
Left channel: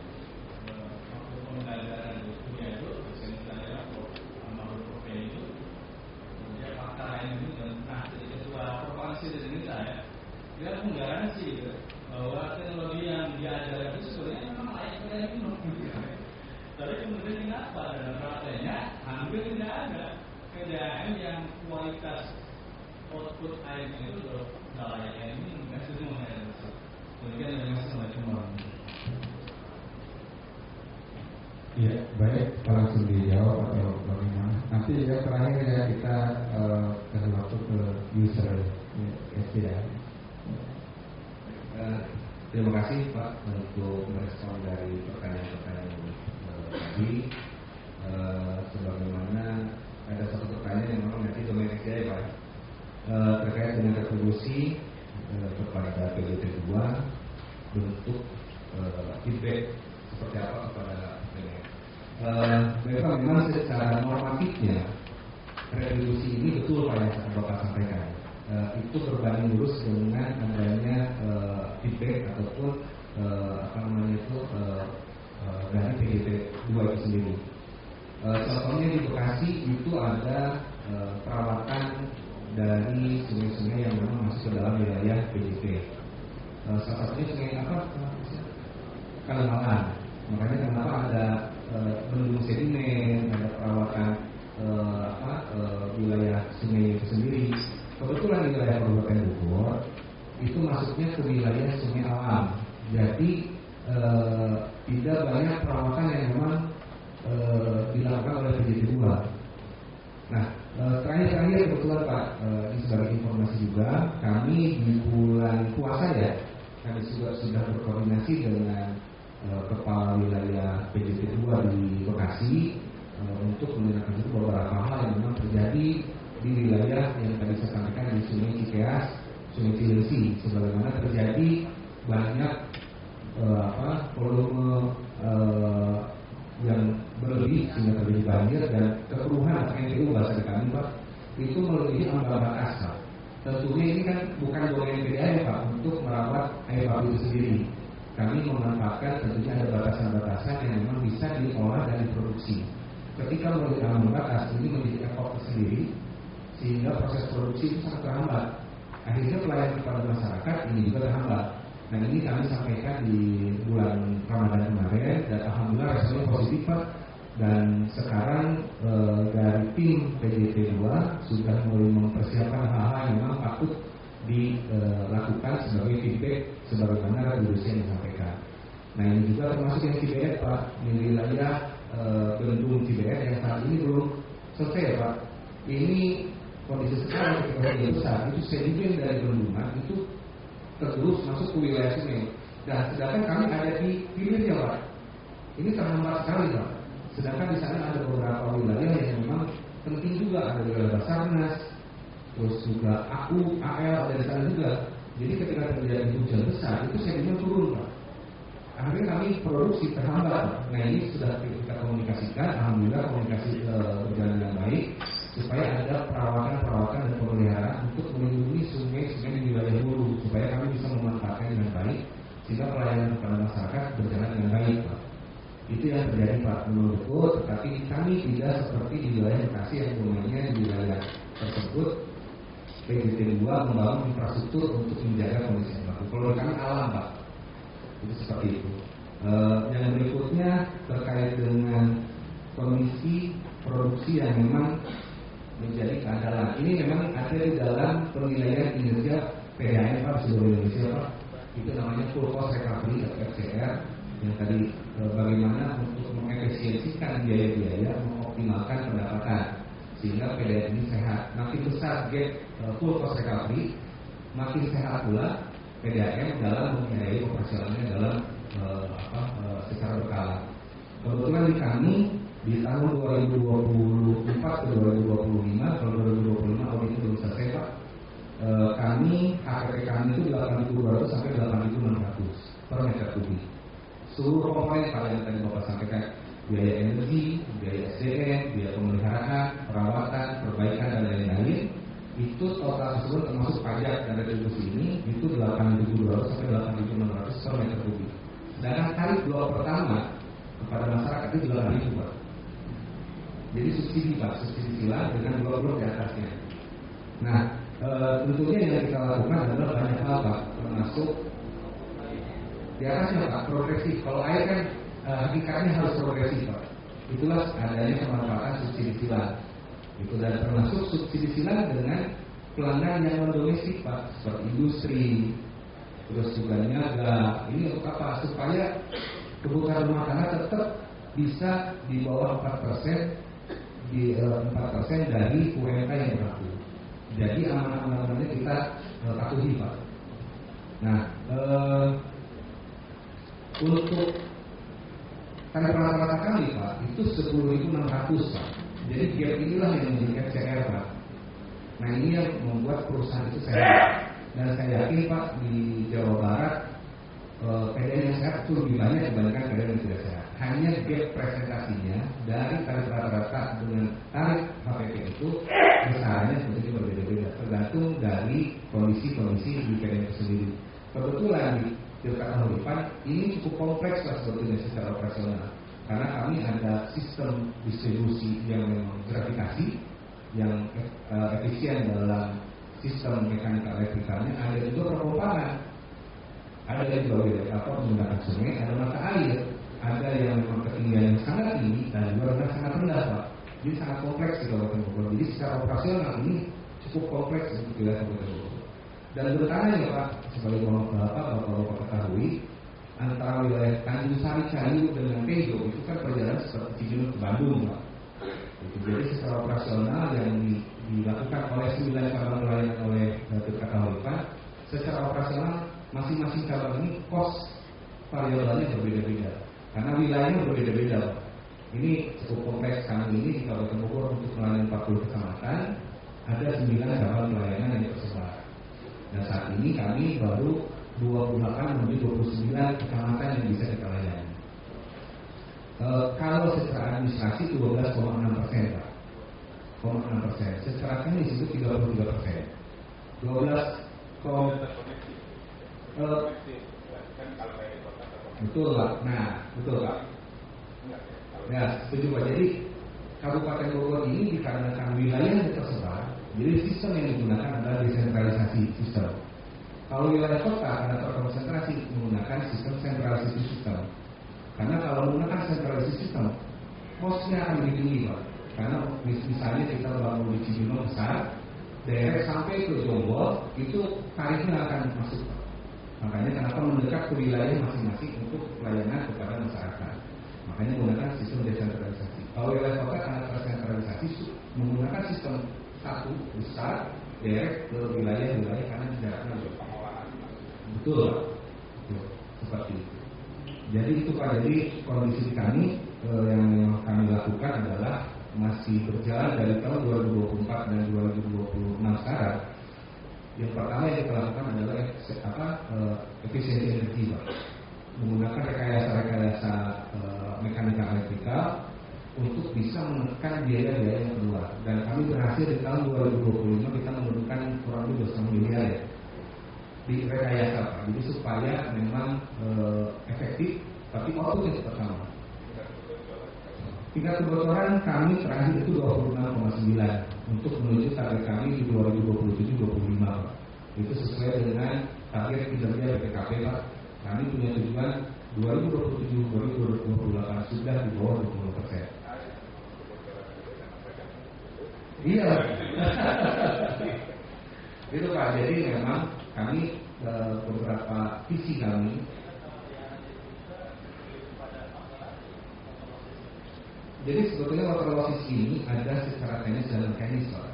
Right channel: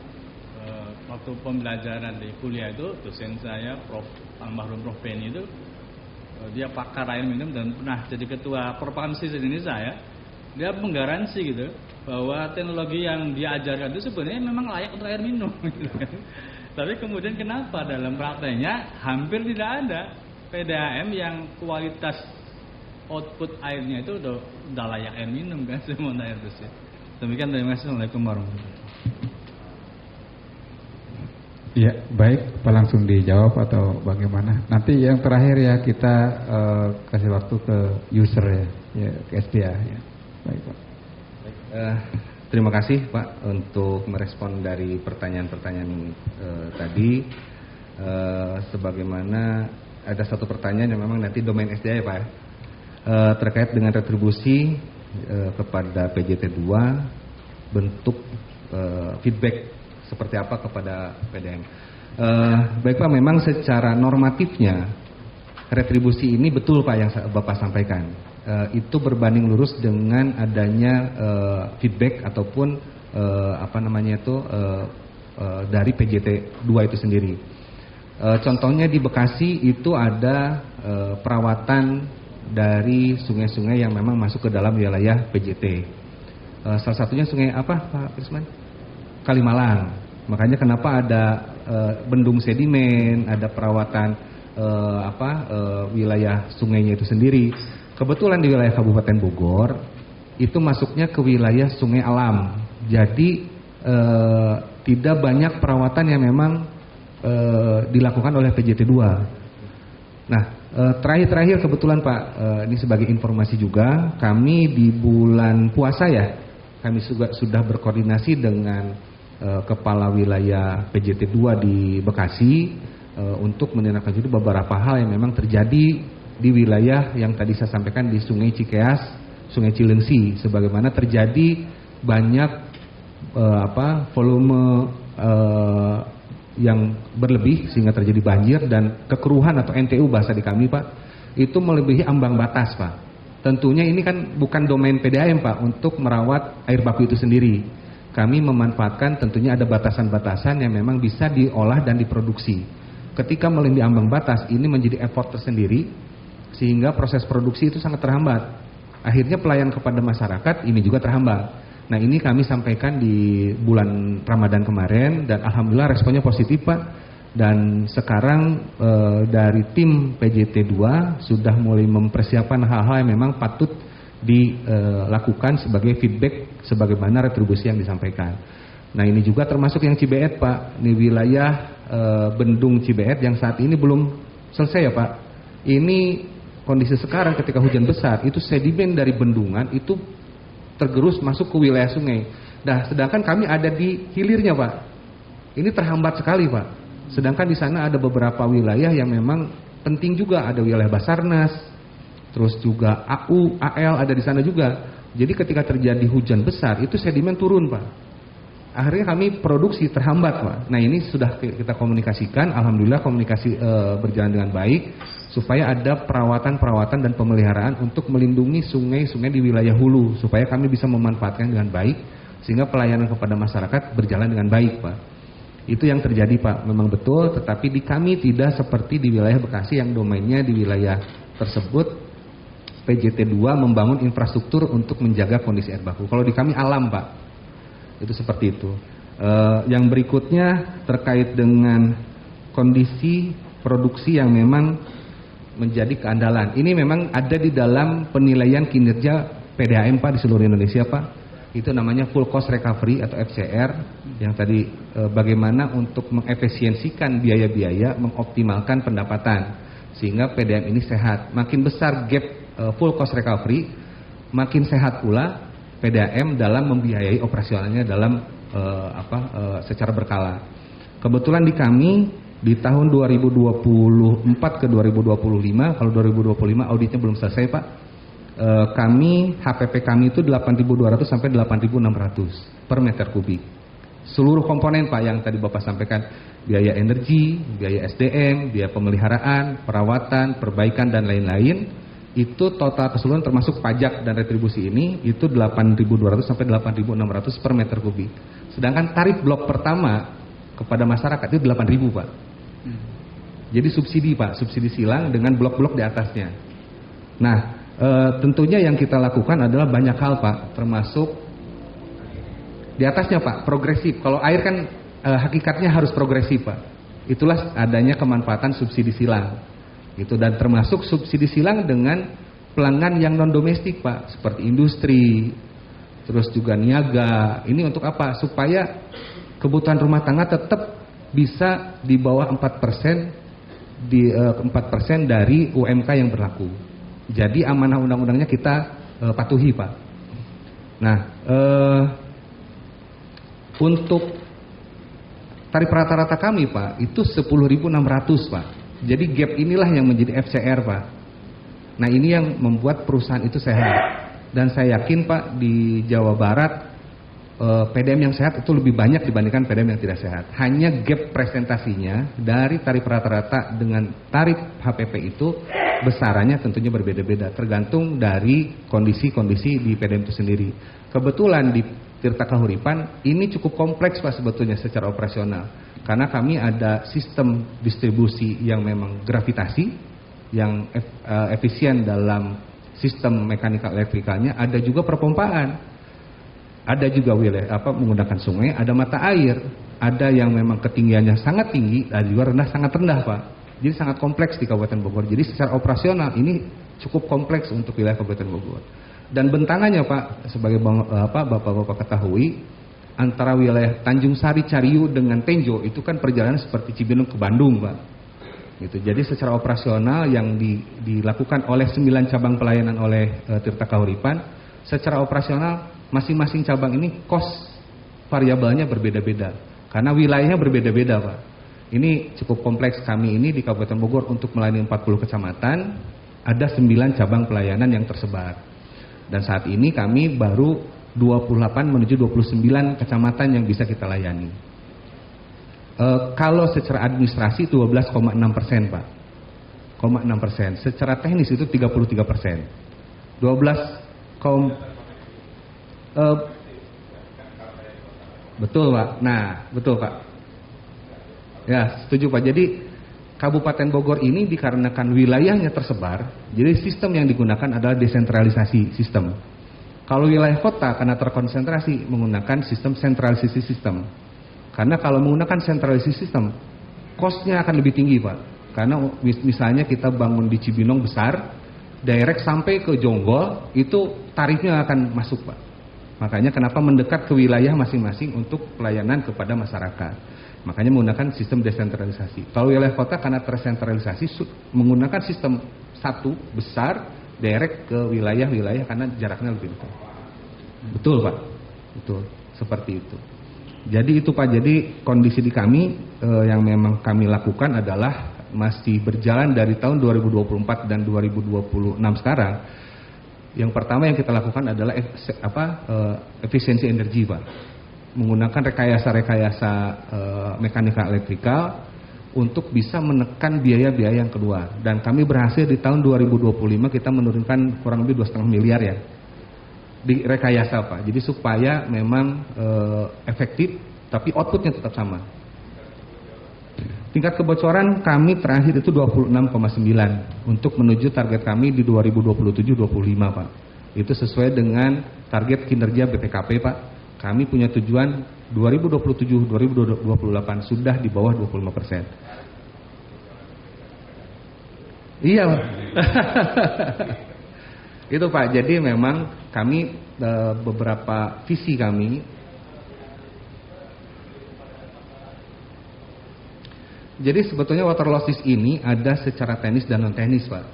waktu pembelajaran di kuliah itu dosen saya Prof. Almarhum Prof. Penny itu dia pakar air minum dan pernah jadi ketua Perpakamsi Indonesia ya. Dia menggaransi gitu bahwa teknologi yang diajarkan itu sebenarnya memang layak untuk air minum gitu. Tapi kemudian kenapa dalam prakteknya hampir tidak ada PDAM yang kualitas output airnya itu udah layak air minum kan, semua air bersih. Demikian, terima kasih. Assalamualaikum warahmatullahi wabarakatuh. Ya, baik, Pak langsung dijawab atau bagaimana? Nanti yang terakhir ya kita kasih waktu ke user ya ke SDA ya. Baik, Pak. Terima kasih Pak untuk merespon dari pertanyaan-pertanyaan tadi. Sebagaimana ada satu pertanyaan yang memang nanti domain SDA ya Pak, terkait dengan retribusi kepada PJT 2, bentuk feedback seperti apa kepada PDAM. Baik Pak, memang secara normatifnya retribusi ini betul Pak yang Bapak sampaikan. Itu berbanding lurus dengan adanya feedback ataupun dari PJT 2 itu sendiri. Contohnya di Bekasi itu ada perawatan dari sungai-sungai yang memang masuk ke dalam wilayah PJT. Salah satunya sungai apa Pak Isman? Kalimalang. Makanya kenapa ada bendung sedimen, ada perawatan wilayah sungainya itu sendiri. Kebetulan di wilayah Kabupaten Bogor itu masuknya ke wilayah sungai alam. Jadi tidak banyak perawatan yang memang dilakukan oleh PJT 2. Nah, terakhir kebetulan Pak, ini sebagai informasi juga, kami di bulan puasa ya, kami juga sudah berkoordinasi dengan kepala wilayah PJT 2 di Bekasi untuk menindaklanjuti beberapa hal yang memang terjadi di wilayah yang tadi saya sampaikan di Sungai Cikeas, Sungai Cilengsi, sebagaimana terjadi banyak volume yang berlebih sehingga terjadi banjir, dan kekeruhan atau NTU bahasa di kami Pak, itu melebihi ambang batas Pak. Tentunya ini kan bukan domain PDAM Pak untuk merawat air baku itu sendiri. Kami memanfaatkan tentunya ada batasan-batasan yang memang bisa diolah dan diproduksi. Ketika melebihi ambang batas, ini menjadi effort tersendiri sehingga proses produksi itu sangat terhambat. Akhirnya pelayanan kepada masyarakat ini juga terhambat. Nah, ini kami sampaikan di bulan Ramadan kemarin dan alhamdulillah responnya positif Pak. Dan sekarang dari tim PJT 2 sudah mulai mempersiapkan hal-hal yang memang patut dilakukan sebagai feedback sebagaimana retribusi yang disampaikan. Nah, ini juga termasuk yang Cibeet Pak, di wilayah Bendung Cibeet yang saat ini belum selesai ya Pak. Ini kondisi sekarang ketika hujan besar itu sedimen dari bendungan itu tergerus masuk ke wilayah sungai. Nah, sedangkan kami ada di hilirnya Pak. Ini terhambat sekali Pak. Sedangkan di sana ada beberapa wilayah yang memang penting juga, ada wilayah Basarnas, terus juga AU, AL ada di sana juga. Jadi ketika terjadi hujan besar itu sedimen turun Pak. Akhirnya kami produksi terhambat Pak. Nah, ini sudah kita komunikasikan, alhamdulillah komunikasi berjalan dengan baik supaya ada perawatan dan pemeliharaan untuk melindungi sungai-sungai di wilayah hulu supaya kami bisa memanfaatkan dengan baik sehingga pelayanan kepada masyarakat berjalan dengan baik Pak. Itu yang terjadi Pak, memang betul, tetapi di kami tidak seperti di wilayah Bekasi yang domainnya di wilayah tersebut PJT 2 membangun infrastruktur untuk menjaga kondisi air baku. Kalau di kami alam Pak, itu seperti itu. Yang berikutnya terkait dengan kondisi produksi yang memang menjadi keandalan. Ini memang ada di dalam penilaian kinerja PDAM Pak di seluruh Indonesia Pak. Itu namanya full cost recovery atau FCR yang tadi bagaimana untuk mengefisiensikan biaya-biaya, mengoptimalkan pendapatan sehingga PDAM ini sehat. Makin besar gap full cost recovery, makin sehat pula PDAM dalam membiayai operasionalnya dalam secara berkala. Kebetulan di kami di tahun 2024 ke 2025, kalau 2025 auditnya belum selesai Pak, kami HPP kami itu 8.200 sampai 8.600 per meter kubik. Seluruh komponen Pak yang tadi Bapak sampaikan, biaya energi, biaya SDM, biaya pemeliharaan, perawatan, perbaikan dan lain-lain, itu total keseluruhan termasuk pajak dan retribusi ini itu 8.200 sampai 8.600 per meter kubik. Sedangkan tarif blok pertama kepada masyarakat itu 8.000 Pak. Jadi subsidi Pak, subsidi silang dengan blok-blok di atasnya. Nah, tentunya yang kita lakukan adalah banyak hal Pak, termasuk di atasnya Pak, progresif. Kalau air kan hakikatnya harus progresif Pak. Itulah adanya kemanfaatan subsidi silang. Itu dan termasuk subsidi silang dengan pelanggan yang non domestik Pak, seperti industri, terus juga niaga. Ini untuk apa? Supaya kebutuhan rumah tangga tetap bisa di bawah 4% dari UMK yang berlaku. Jadi amanah undang-undangnya kita patuhi Pak. Nah, untuk tarif rata-rata kami Pak itu 10.600 Pak. Jadi gap inilah yang menjadi FCR Pak. Nah, ini yang membuat perusahaan itu sehat. Dan saya yakin Pak di Jawa Barat PDM yang sehat itu lebih banyak dibandingkan PDM yang tidak sehat. Hanya gap presentasinya dari tarif rata-rata dengan tarif HPP itu besarannya tentunya berbeda-beda tergantung dari kondisi-kondisi di PDM itu sendiri. Kebetulan di Tirta Kahuripan ini cukup kompleks Pak sebetulnya secara operasional. Karena kami ada sistem distribusi yang memang gravitasi yang efisien dalam sistem mekanikal elektrikalnya, ada juga perpompaan. Ada juga wilayah menggunakan sungai, ada mata air, ada yang memang ketinggiannya sangat tinggi, dan juga sangat rendah Pak. Jadi sangat kompleks di Kabupaten Bogor. Jadi secara operasional ini cukup kompleks untuk wilayah Kabupaten Bogor. Dan bentangannya Pak, sebagai Bapak-Bapak ketahui, antara wilayah Tanjung Sari, Cariu dengan Tenjo itu kan perjalanan seperti Cibinong ke Bandung Pak. Gitu. Jadi secara operasional yang dilakukan oleh 9 cabang pelayanan oleh Tirta Kahuripan, secara operasional masing-masing cabang ini cost variabelnya berbeda-beda karena wilayahnya berbeda-beda Pak. Ini cukup kompleks. Kami ini di Kabupaten Bogor untuk melayani 40 kecamatan ada 9 cabang pelayanan yang tersebar. Dan saat ini kami baru 28 menuju 29 kecamatan yang bisa kita layani. Kalau secara administrasi 12,6% Pak, 0,6%. Secara teknis itu 33%. 12, betul Pak. Nah, betul Pak. Ya, setuju Pak. Jadi Kabupaten Bogor ini dikarenakan wilayahnya tersebar, jadi sistem yang digunakan adalah desentralisasi sistem. Kalau wilayah kota karena terkonsentrasi menggunakan sistem sentralisasi sistem. Karena kalau menggunakan sentralisasi sistem, cost-nya akan lebih tinggi Pak. Karena misalnya kita bangun di Cibinong besar, direct sampai ke Jonggol, itu tarifnya akan masuk Pak. Makanya kenapa mendekat ke wilayah masing-masing untuk pelayanan kepada masyarakat. Makanya menggunakan sistem desentralisasi. Kalau wilayah kota karena tersentralisasi menggunakan sistem satu besar, direct ke wilayah-wilayah karena jaraknya lebih dekat. Betul Pak, betul, seperti itu. Jadi itu Pak, jadi kondisi di kami yang memang kami lakukan adalah masih berjalan dari tahun 2024 dan 2026 sekarang. Yang pertama yang kita lakukan adalah efisiensi energi Pak. Menggunakan rekayasa-rekayasa mekanika elektrikal untuk bisa menekan biaya-biaya yang keluar. Dan kami berhasil di tahun 2025 kita menurunkan kurang lebih 2,5 miliar ya di rekayasa Pak. Jadi supaya memang efektif tapi outputnya tetap sama. Tingkat kebocoran kami terakhir itu 26,9 untuk menuju target kami di 2027-25 Pak. Itu sesuai dengan target kinerja BPKP Pak. Kami punya tujuan 2027-2028 sudah di bawah 25%. Iya Pak. Itu Pak, jadi memang kami beberapa visi kami. Jadi sebetulnya water losses ini ada secara teknis dan non teknis Pak.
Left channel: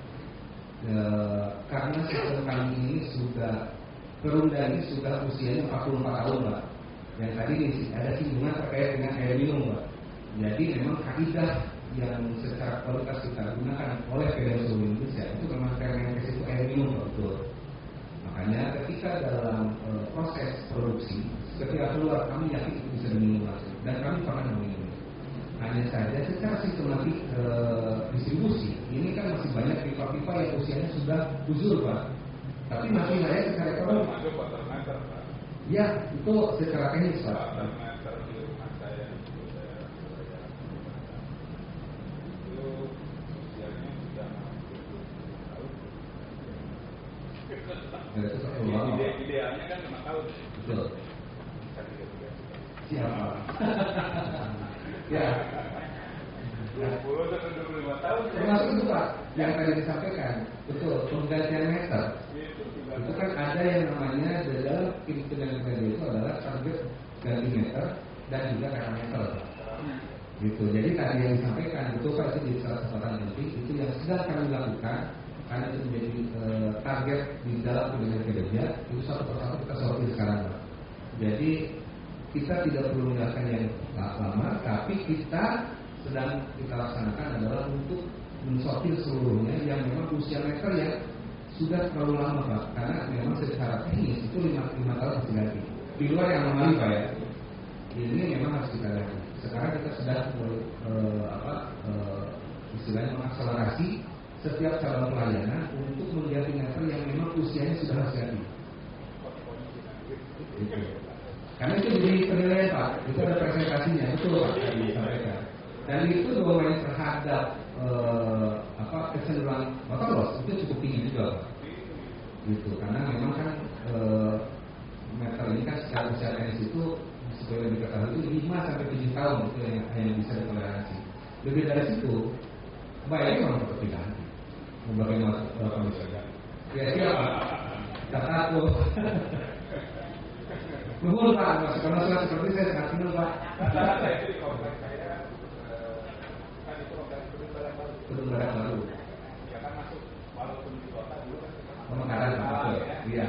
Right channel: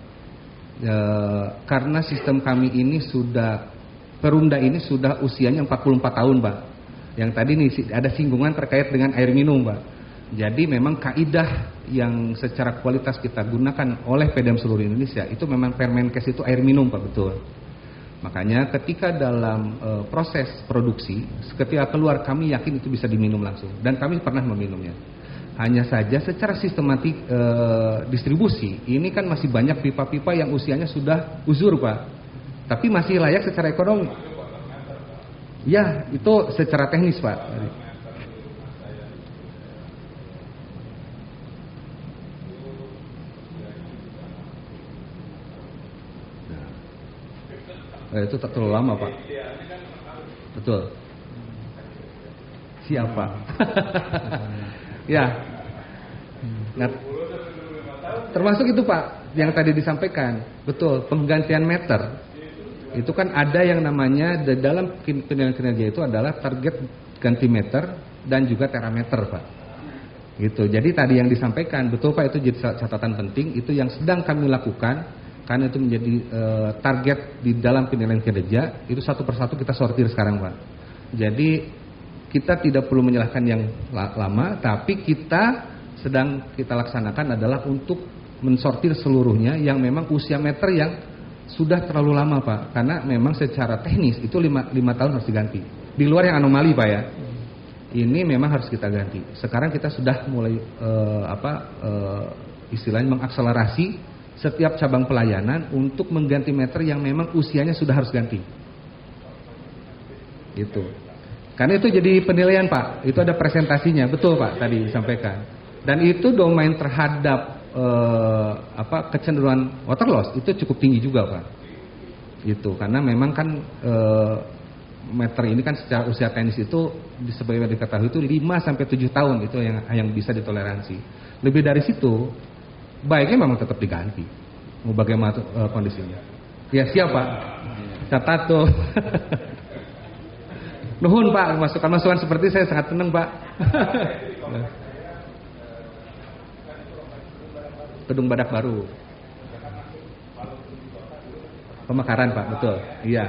Karena sistem kami ini sudah, Perumda ini sudah usianya 44 tahun Pak. Yang tadi nih ada singgungan terkait dengan air minum Pak. Jadi memang kaidah yang secara kualitas kita gunakan oleh Pdam seluruh Indonesia itu memang Permenkes itu air minum Pak, betul. Makanya ketika dalam proses produksi, ketika keluar kami yakin itu bisa diminum langsung dan kami pernah meminumnya. Hanya saja secara sistematik distribusi ini kan masih banyak pipa-pipa yang usianya sudah uzur Pak, tapi masih layak secara ekonomi. Ya, itu secara teknis Pak. Itu terlalu lama Pak. Betul. Siapa? Ya. Nah, termasuk itu Pak yang tadi disampaikan. Betul, penggantian meter. Itu kan ada yang namanya di dalam penilaian kinerja itu adalah target ganti meter dan juga terameter Pak. Gitu. Jadi tadi yang disampaikan betul Pak, itu jadi catatan penting, itu yang sedang kami lakukan. Karena itu menjadi target di dalam penilaian kinerja, itu satu persatu kita sortir sekarang Pak. Jadi kita tidak perlu menyalahkan yang lama, tapi kita sedang kita laksanakan adalah untuk mensortir seluruhnya yang memang usia meter yang sudah terlalu lama Pak. Karena memang secara teknis itu 5 tahun harus diganti. Di luar yang anomali Pak ya. Ini memang harus kita ganti. Sekarang kita sudah mulai istilahnya mengakselerasi setiap cabang pelayanan untuk mengganti meter yang memang usianya sudah harus ganti. Itu. Karena itu jadi penilaian Pak. Itu ada presentasinya, betul Pak tadi disampaikan. Dan itu domain terhadap kecenderungan water loss itu cukup tinggi juga Pak. Gitu. Karena memang kan meter ini kan secara usia teknis itu sebagaimana diketahui itu 5 sampai 7 tahun itu yang bisa ditoleransi. Lebih dari situ baiknya memang tetap diganti. Mau bagaimana kondisinya? Ya siap Pak. Catat tuh. Nuhun Pak, masukan-masukan seperti saya sangat senang Pak. Gedung Badak Baru. Pemekaran Pak, betul. Iya.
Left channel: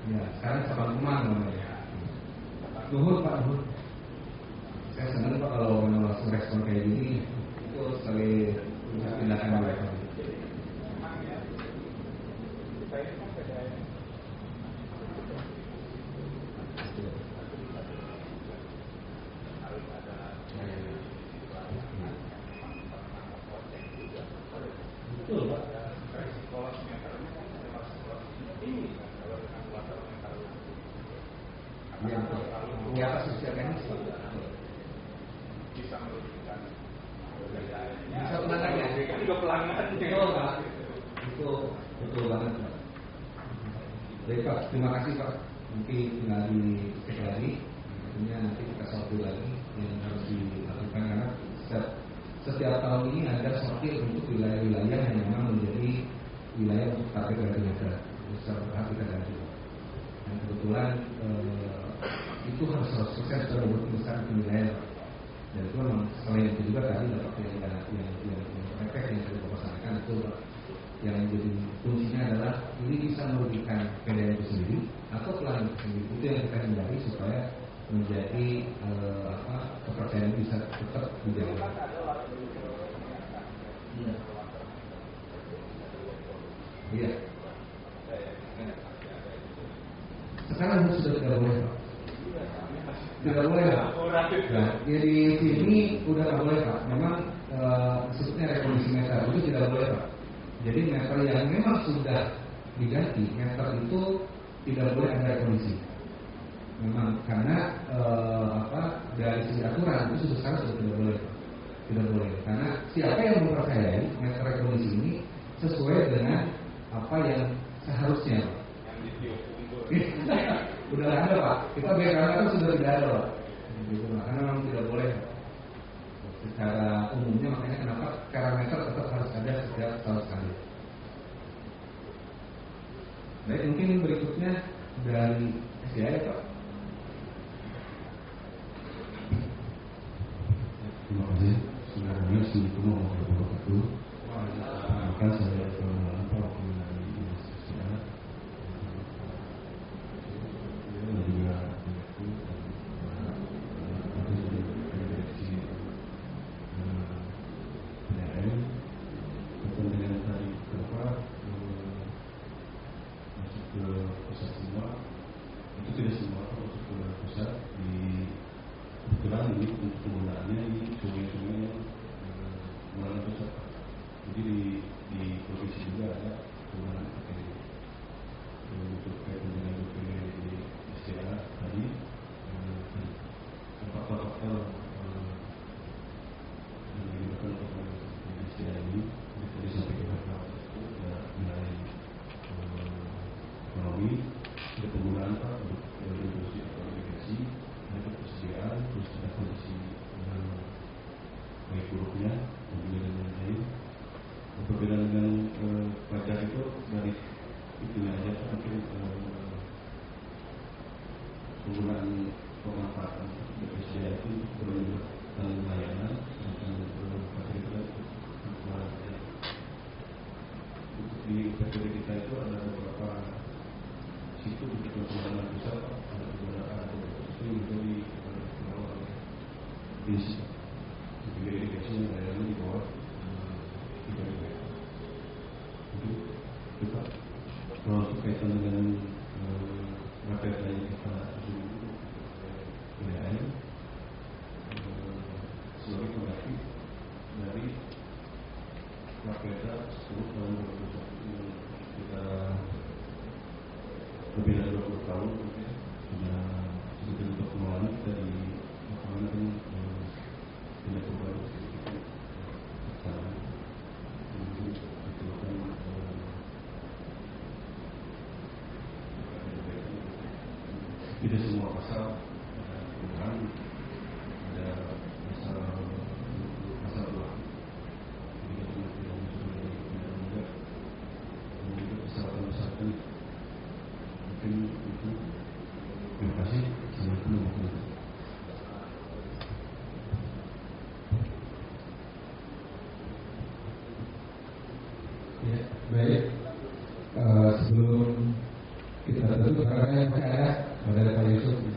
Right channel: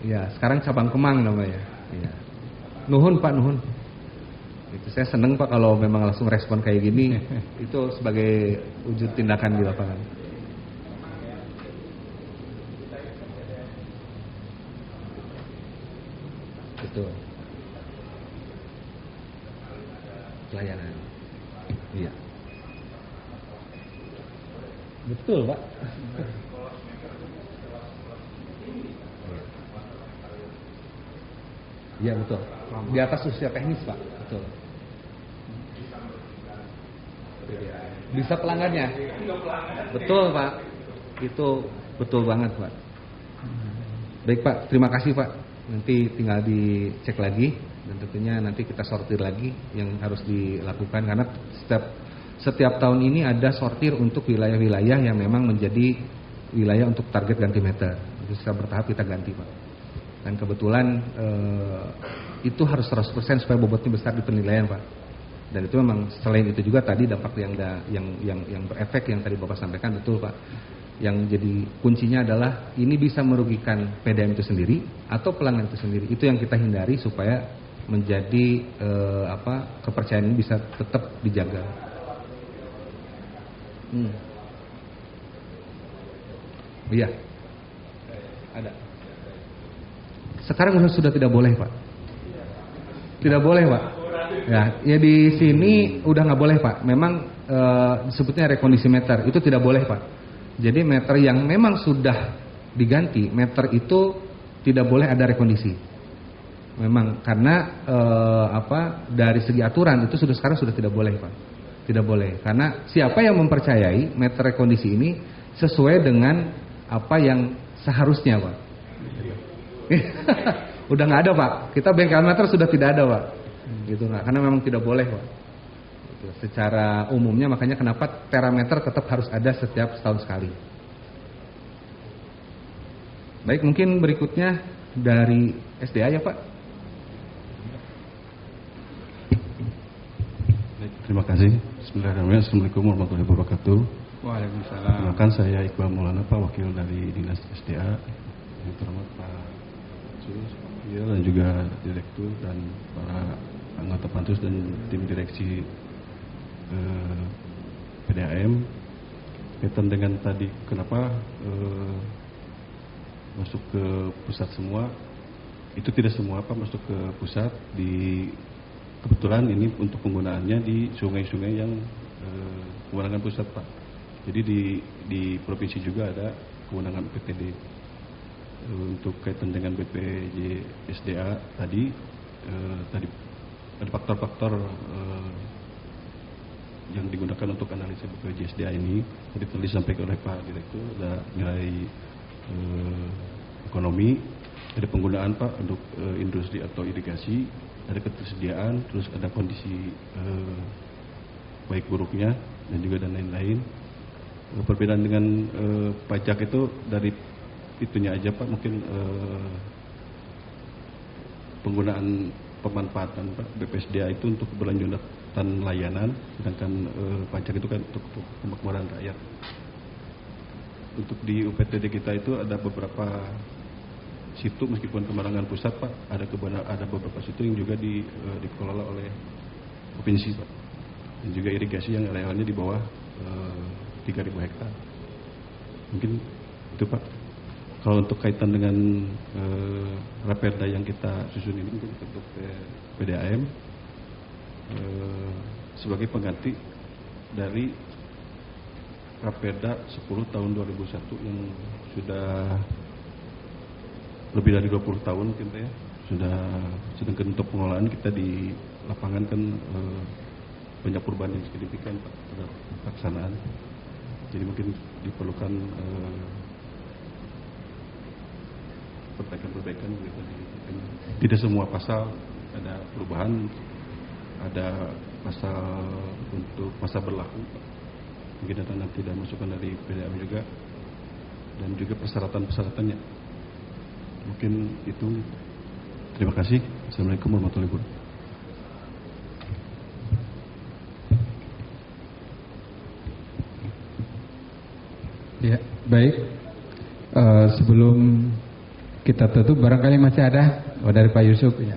Iya, sekarang Cabang Kemang namanya. Nuhun Pak, nuhun. Saya senang Pak kalau memang langsung respon kayak gini. Itu sebagai wujud tindakan di lapangan. Betul. Betul, Pak. Iya betul. Di atas usia teknis, Pak. Betul. Bisa pelanggannya. Betul, Pak. Itu betul banget, Pak. Baik, Pak. Terima kasih, Pak. Nanti tinggal dicek lagi dan tentunya nanti kita sortir lagi yang harus dilakukan karena setiap tahun ini ada sortir untuk wilayah-wilayah yang memang menjadi wilayah untuk target ganti meter. Jadi secara bertahap kita ganti, Pak. Dan kebetulan itu harus 100% supaya bobotnya besar di penilaian, Pak. Dan itu memang selain itu juga tadi dampak yang berefek yang tadi Bapak sampaikan betul, Pak. Yang jadi kuncinya adalah ini bisa merugikan PDAM itu sendiri atau pelanggan itu sendiri. Itu yang kita hindari supaya menjadi kepercayaan ini bisa tetap dijaga. Iya. Ada. Sekarang sudah tidak boleh, Pak. Tidak boleh, Pak. Ya di sini udah nggak boleh, Pak. Memang disebutnya rekondisi meter itu tidak boleh, Pak. Jadi meter yang memang sudah diganti, meter itu tidak boleh ada rekondisi. Memang karena dari segi aturan itu sekarang sudah tidak boleh, Pak. Tidak boleh. Karena siapa yang mempercayai meter rekondisi ini sesuai dengan apa yang seharusnya, Pak. Udah nggak ada, Pak. Kita bengkel meter sudah tidak ada, Pak. Gitu nggak? Karena memang tidak boleh, Pak. Secara umumnya makanya kenapa terameter tetap harus ada setiap setahun sekali. Baik, mungkin berikutnya dari SDA ya, Pak. Terima kasih. Bismillahirrahmanirrahim. Assalamualaikum warahmatullahi wabarakatuh. Waalaikumsalam. Perkenalkan saya Iqbal Maulana, Pak, wakil dari Dinas SDA. Terima Pak Suyo dan juga direktur dan para anggota pansus dan tim direksi PDAM. Kaitan dengan tadi kenapa masuk ke pusat semua, itu tidak semua Pak masuk ke pusat. Kebetulan ini untuk penggunaannya di sungai-sungai yang kewenangan pusat, Pak. Jadi di provinsi juga ada kewenangan PPD. Untuk kaitan dengan BPJ SDA tadi ada faktor-faktor yang digunakan untuk analisa BPJ SDA ini. Tadi disampaikan oleh Pak Direktur, ada nilai ekonomi, ada penggunaan, Pak, untuk industri atau irigasi, ada ketersediaan, terus ada kondisi baik buruknya dan juga dan lain-lain. Perbedaan dengan pajak itu dari itunya aja, Pak, mungkin penggunaan pemanfaatan, Pak, BPSDA itu untuk berlanjutan layanan, sedangkan pajak itu kan untuk pemakmuran rakyat. Untuk di UPTD kita itu ada beberapa situ meskipun kewenangan pusat, Pak, ada beberapa situ yang juga dikelola oleh provinsi, Pak, dan juga irigasi yang arealnya di bawah 3.000 hektar. Mungkin itu, Pak. Kalau untuk kaitan dengan Raperda yang kita susun ini untuk PDAM sebagai pengganti dari Raperda 10 tahun 2001 yang sudah lebih dari 20 tahun kita ya, sedangkan untuk pengelolaan kita di lapangan kan banyak perubahan yang signifikan dalam pelaksanaan. Jadi mungkin diperlukan perbaikan. Tidak semua pasal ada perubahan, ada pasal untuk masa berlaku. Mungkin akan nanti ada masukan dari PDAM juga dan juga persyaratan-persyaratannya. Mungkin itu. Terima kasih. Assalamualaikum warahmatullahi wabarakatuh. Ya, baik. Sebelum kita tutup, barangkali masih ada dari Pak Yusuf. Ya.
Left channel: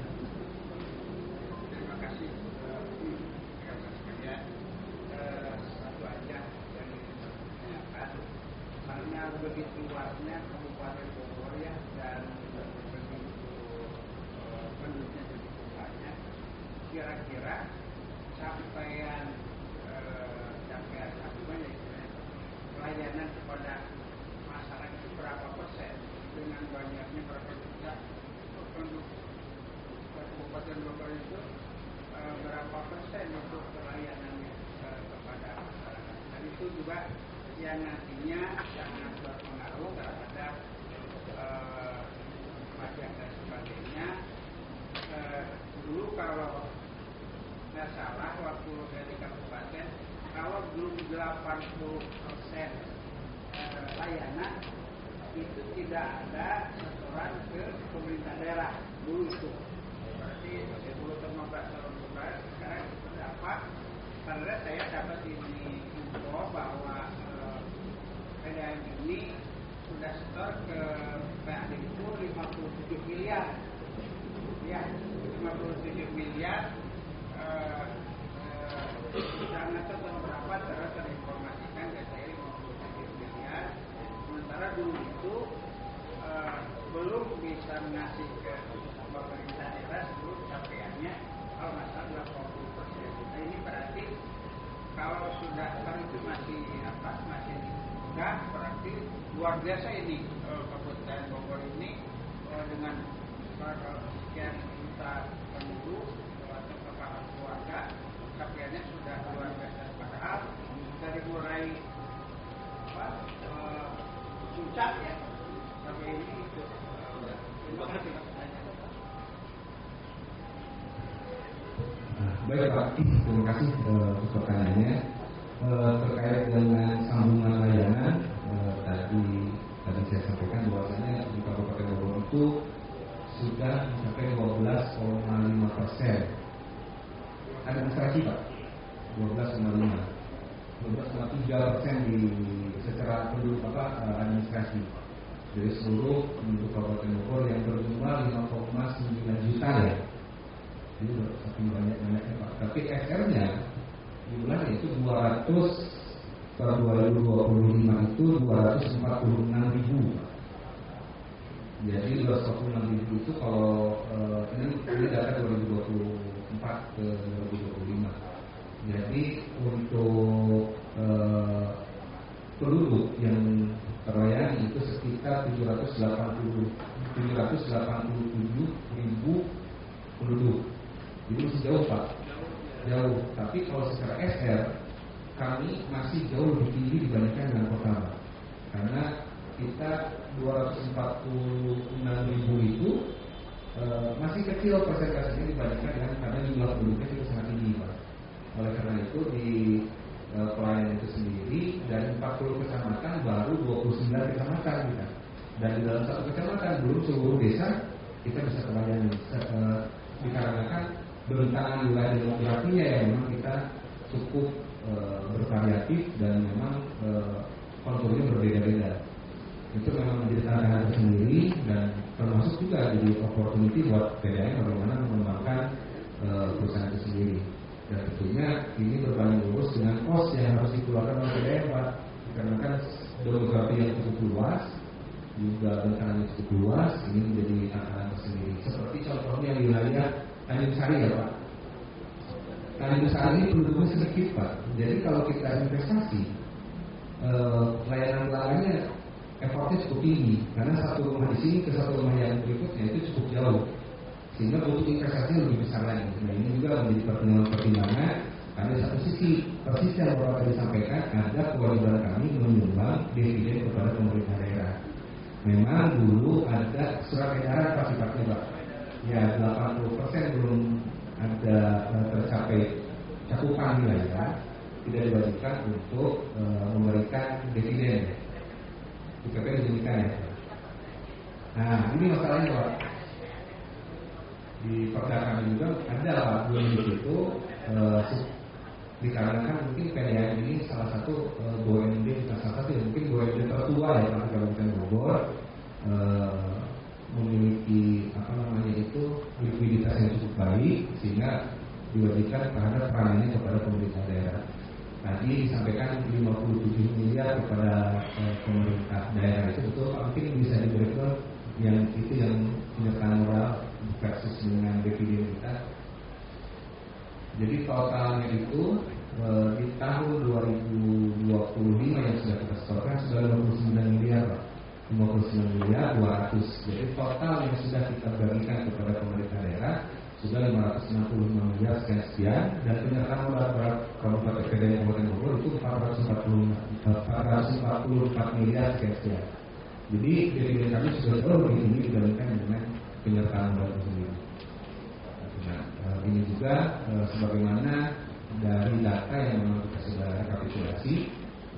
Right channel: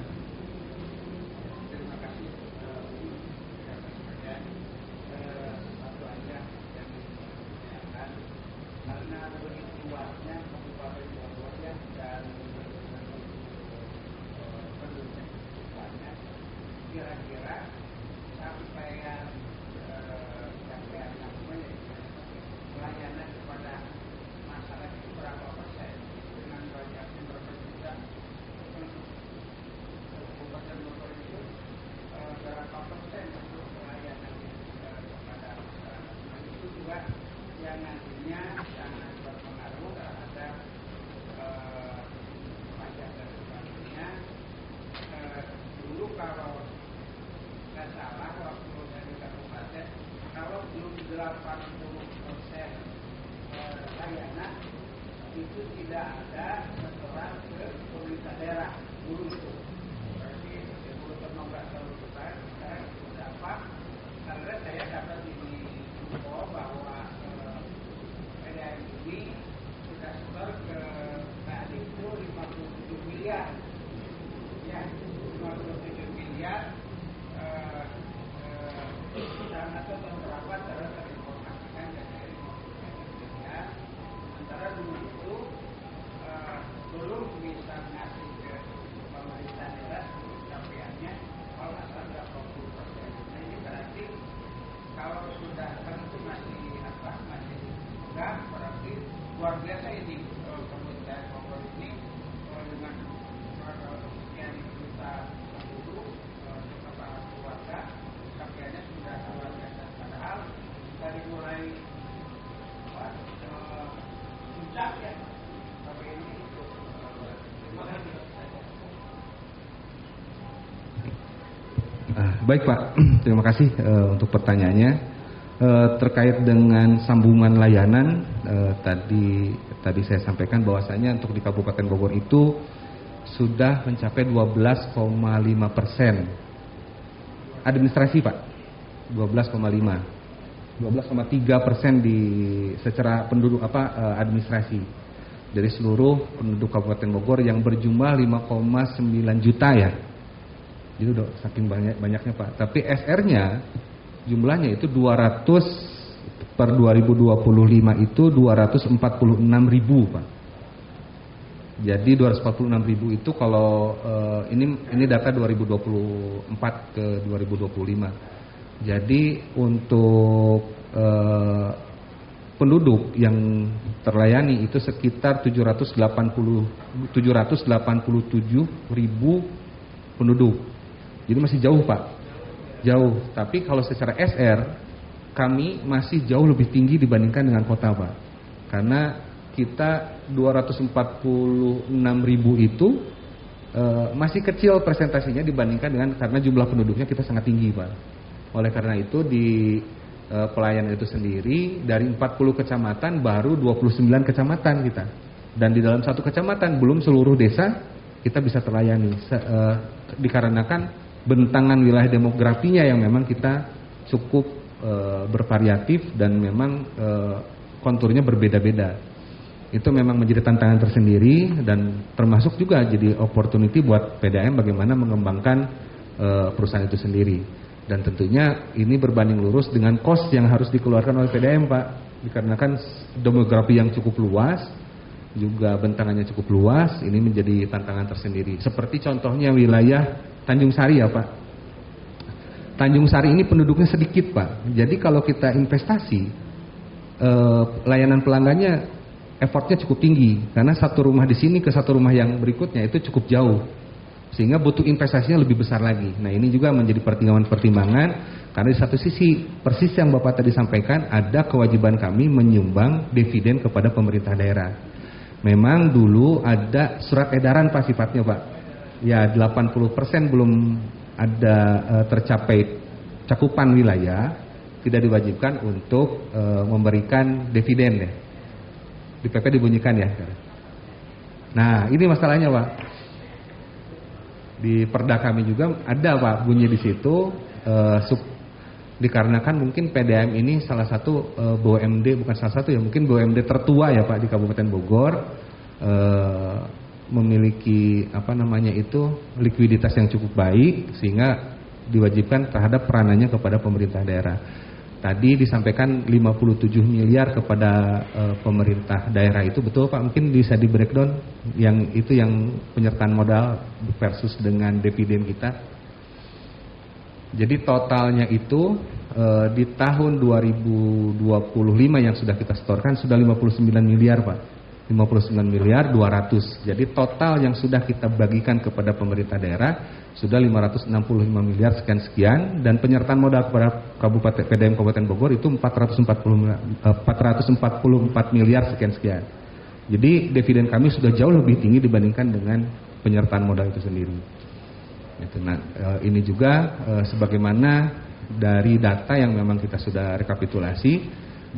layanan kepada masyarakat itu berapa persen dengan banyaknya berapa juta penduduk Kabupaten Bogor itu berapa persen untuk pelayanan kepada masyarakat. Nah, itu juga yang nantinya sangat berpengaruh terhadap pajak dan sebagainya. Dulu kalau nggak salah waktu dari kabupaten, kalau belum 80% layanan itu tidak ada setoran ke pemerintah daerah dulu itu. Berarti 10-15 tahun bukan, sekarang berapa? Karena saya dapat info bahwa PDAM ini sudah setor ke PAD itu 57 miliar. Ya, 57 miliar. Karena itu beberapa terus terinformasikan dan saya informasikan. Sementara dulu itu belum bisa ngasih ke pemerintah daerah seluruh capaiannya kalau nggak salah 20%. Nah, ini berarti kalau sudah kan itu masih enggak, berarti luar biasa ini Kabupaten Bogor ini dengan sekian juta penduduk kepala keluarga capaiannya sudah luar biasa. Padahal dari mulai puncak ya sampai ini itu. Terima kasih. Baik Pak, terima kasih untuk pertanyaannya. Terkait dengan sambungan layanan, tadi saya sampaikan bahwasanya untuk di Kabupaten Bogor itu sudah mencapai 12,5% administrasi Pak, 12,3% di secara penduduk administrasi dari seluruh penduduk Kabupaten Bogor yang berjumlah 5,9 juta ya. Jadi udah saking banyaknya Pak. Tapi SR-nya jumlahnya itu 200 per 2025 itu 246.000 Pak. Jadi 246.000 itu kalau ini data 2024 ke 2025. Jadi untuk penduduk yang terlayani itu sekitar 787.000 penduduk. Jadi masih jauh Pak, jauh. Tapi kalau secara SR kami masih jauh lebih tinggi dibandingkan dengan kota Pak. Karena kita 246.000 itu masih kecil presentasinya dibandingkan dengan karena jumlah penduduknya kita sangat tinggi Pak. Oleh karena itu di pelayanan itu sendiri dari 40 kecamatan baru 29 kecamatan kita. Dan di dalam satu kecamatan belum seluruh desa kita bisa terlayani dikarenakan bentangan wilayah demografinya yang memang kita cukup bervariatif dan memang konturnya berbeda-beda. Itu memang menjadi tantangan tersendiri dan termasuk juga jadi opportunity buat PDAM bagaimana mengembangkan perusahaan itu sendiri. Dan tentunya ini berbanding lurus dengan cost yang harus dikeluarkan oleh PDAM Pak, dikarenakan demografi yang cukup luas, juga bentangannya cukup luas, ini menjadi tantangan tersendiri. Seperti contohnya wilayah Tanjung Sari ya Pak. Tanjung Sari ini penduduknya sedikit Pak. Jadi kalau kita investasi, layanan pelanggannya effortnya cukup tinggi. Karena satu rumah di sini ke satu rumah yang berikutnya itu cukup jauh. Sehingga butuh investasinya lebih besar lagi. Nah ini juga menjadi pertimbangan-pertimbangan. Karena di satu sisi, persis yang Bapak tadi sampaikan, ada kewajiban kami menyumbang dividen kepada pemerintah daerah. Memang dulu ada surat edaran Pak sifatnya Pak. Ya 80% belum ada tercapai cakupan wilayah, tidak diwajibkan untuk memberikan dividen ya. Di PP dibunyikan ya. Nah ini masalahnya Pak. Di perda kami juga ada Pak bunyi di situ dikarenakan mungkin PDAM ini salah satu BUMD, bukan salah satu ya, mungkin BUMD tertua ya Pak di Kabupaten Bogor, memiliki likuiditas yang cukup baik sehingga diwajibkan terhadap peranannya kepada pemerintah daerah. Tadi disampaikan 57 miliar kepada pemerintah daerah itu betul Pak? Mungkin bisa di breakdown yang itu yang penyertaan modal versus dengan dividen kita. Jadi totalnya itu di tahun 2025 yang sudah kita setorkan sudah 59 miliar Pak. 59 miliar 200. Jadi total yang sudah kita bagikan kepada pemerintah daerah sudah 565 miliar sekian dan penyertaan modal kepada Kabupaten PDAM Kabupaten Bogor itu 444 miliar sekian. Jadi dividen kami sudah jauh lebih tinggi dibandingkan dengan penyertaan modal itu sendiri. Nah, ini juga sebagaimana dari data yang memang kita sudah rekapitulasi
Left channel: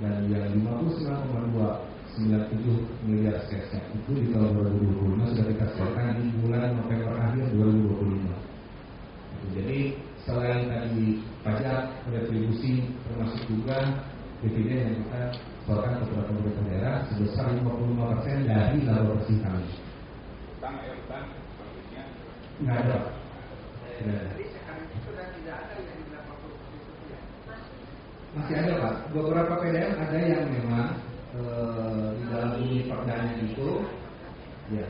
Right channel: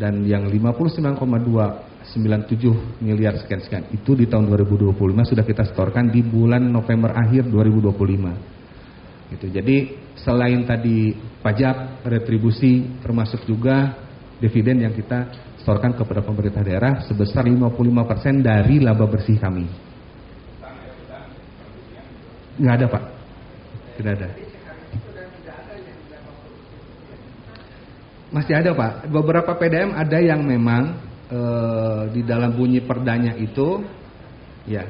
dan yang 59,297 miliar sekian itu di tahun 2025 sudah kita setorkan di bulan November akhir 2025. Gitu. Jadi selain tadi pajak, retribusi, termasuk juga dividen yang kita setorkan kepada pemerintah daerah sebesar 55% dari laba bersih kami. Nggak ada Pak, tidak ada. Masih ada Pak, beberapa PDAM ada yang memang di dalam bunyi perdanya itu, ya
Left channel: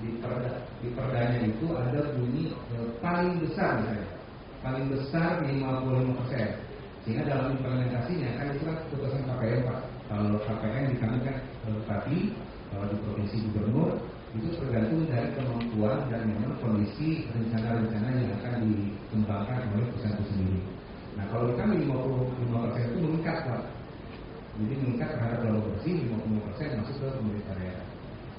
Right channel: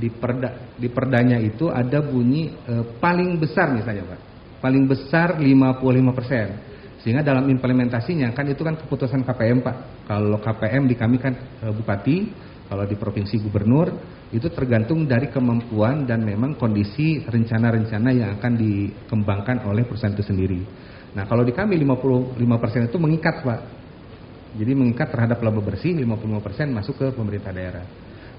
di perdanya itu ada bunyi paling besar misalnya Pak, paling besar 55%. Sehingga dalam implementasinya kan itu kan keputusan KPM Pak. Kalau KPM di kami kan bupati, kalau di provinsi gubernur itu tergantung dari kemampuan dan memang kondisi rencana-rencana yang akan dikembangkan oleh perusahaan itu sendiri. Nah kalau di kami 55% itu mengikat Pak. Jadi mengikat terhadap laba bersih 55% masuk ke pemerintah daerah.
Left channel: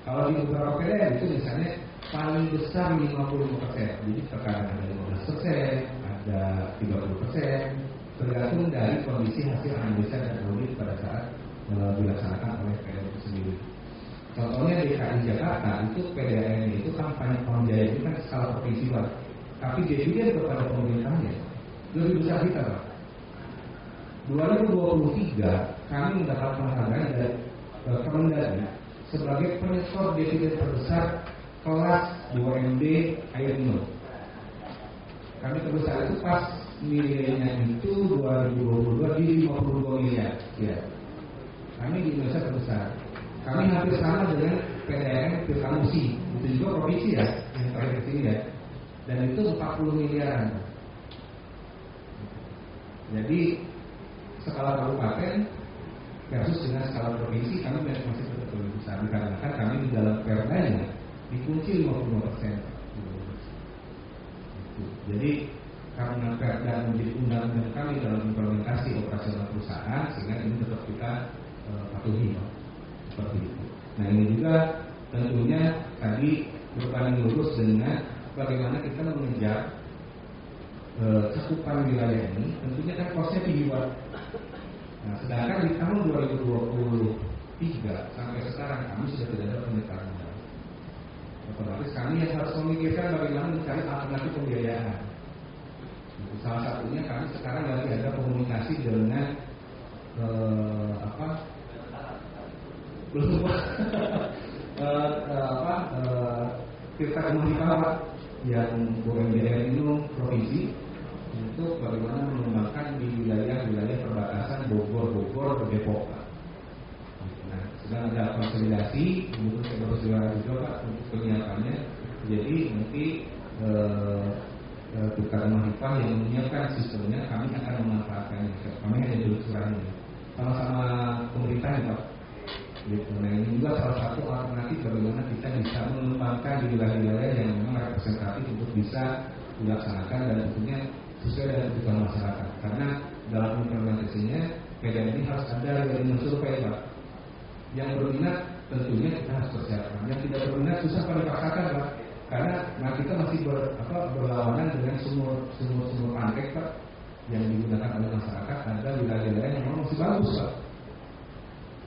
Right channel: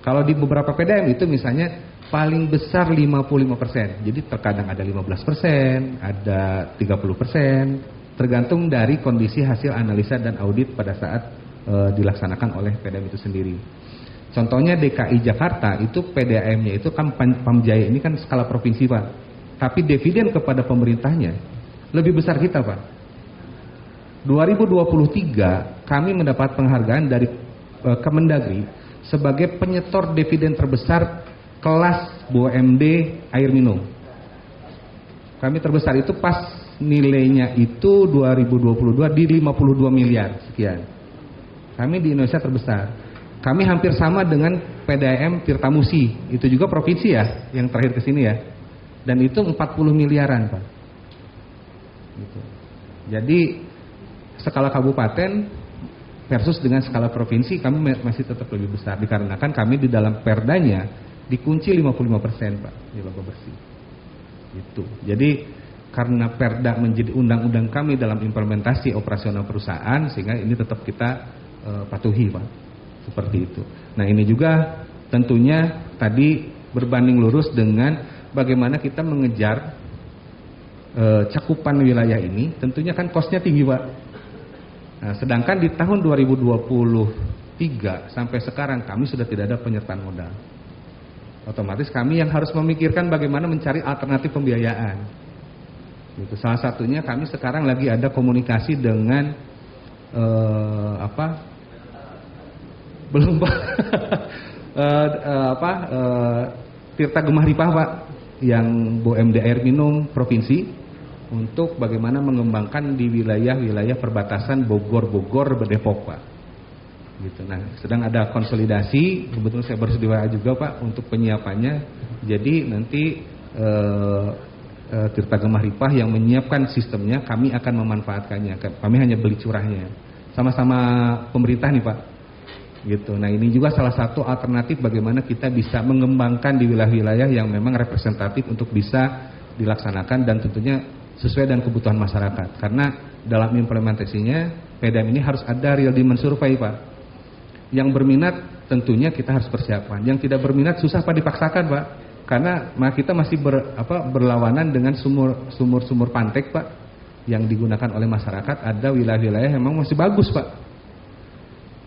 Kalau di beberapa PDAM itu misalnya paling besar 55%. Jadi terkadang ada 15%, ada 30%, tergantung dari kondisi hasil analisa dan audit pada saat dilaksanakan oleh PDAM itu sendiri. Contohnya DKI Jakarta itu PDAM-nya itu kan Pamjaya ini kan skala provinsi Pak. Tapi dividen kepada pemerintahnya lebih besar kita Pak. 2023 kami mendapat penghargaan dari Kemendagri sebagai penyetor dividen terbesar kelas BUMD air minum. Kami terbesar itu pas nilainya itu 2022 di 52 miliar sekian. Kami di Indonesia terbesar. Kami hampir sama dengan PDAM Tirtamusi, itu juga provinsi ya, yang terakhir ke sini ya. Dan itu 40 miliaran Pak. Gitu. Jadi skala kabupaten versus dengan skala provinsi kami masih tetap lebih besar dikarenakan kami di dalam perdanya dikunci 55% Pak di laba bersih. Gitu. Jadi karena perda menjadi undang-undang kami dalam implementasi operasional perusahaan sehingga ini tetap kita patuhi Pak. Seperti itu. Nah ini juga tentunya tadi berbanding lurus dengan bagaimana kita mengejar cakupan wilayah ini. Tentunya kan kosnya tinggi Pak. Nah, sedangkan di tahun 2023 sampai sekarang kami sudah tidak ada penyertaan modal. Otomatis kami yang harus memikirkan bagaimana mencari alternatif pembiayaan. Gitu. Salah satunya kami sekarang lagi ada komunikasi dengan Tirta Gemah Ripah Pak yang BUMD air minum provinsi untuk bagaimana mengembangkan di wilayah-wilayah perbatasan Bogor Depok Pak. Gitu. Nah, sedang ada konsolidasi, kebetulan saya baru diwara juga Pak untuk penyiapannya. Jadi nanti Tirta Gemah Ripah yang menyiapkan sistemnya, kami akan memanfaatkannya. Kami hanya beli curahnya. Sama-sama pemerintah nih Pak. Gitu. Nah ini juga salah satu alternatif bagaimana kita bisa mengembangkan di wilayah-wilayah yang memang representatif untuk bisa dilaksanakan dan tentunya sesuai dengan kebutuhan masyarakat. Karena dalam implementasinya PDAM ini harus ada real demand survey Pak. Yang berminat tentunya kita harus persiapan. Yang tidak berminat susah Pak dipaksakan Pak. Karena kita masih berlawanan dengan sumur pantek Pak yang digunakan oleh masyarakat. Ada wilayah-wilayah yang memang masih bagus Pak.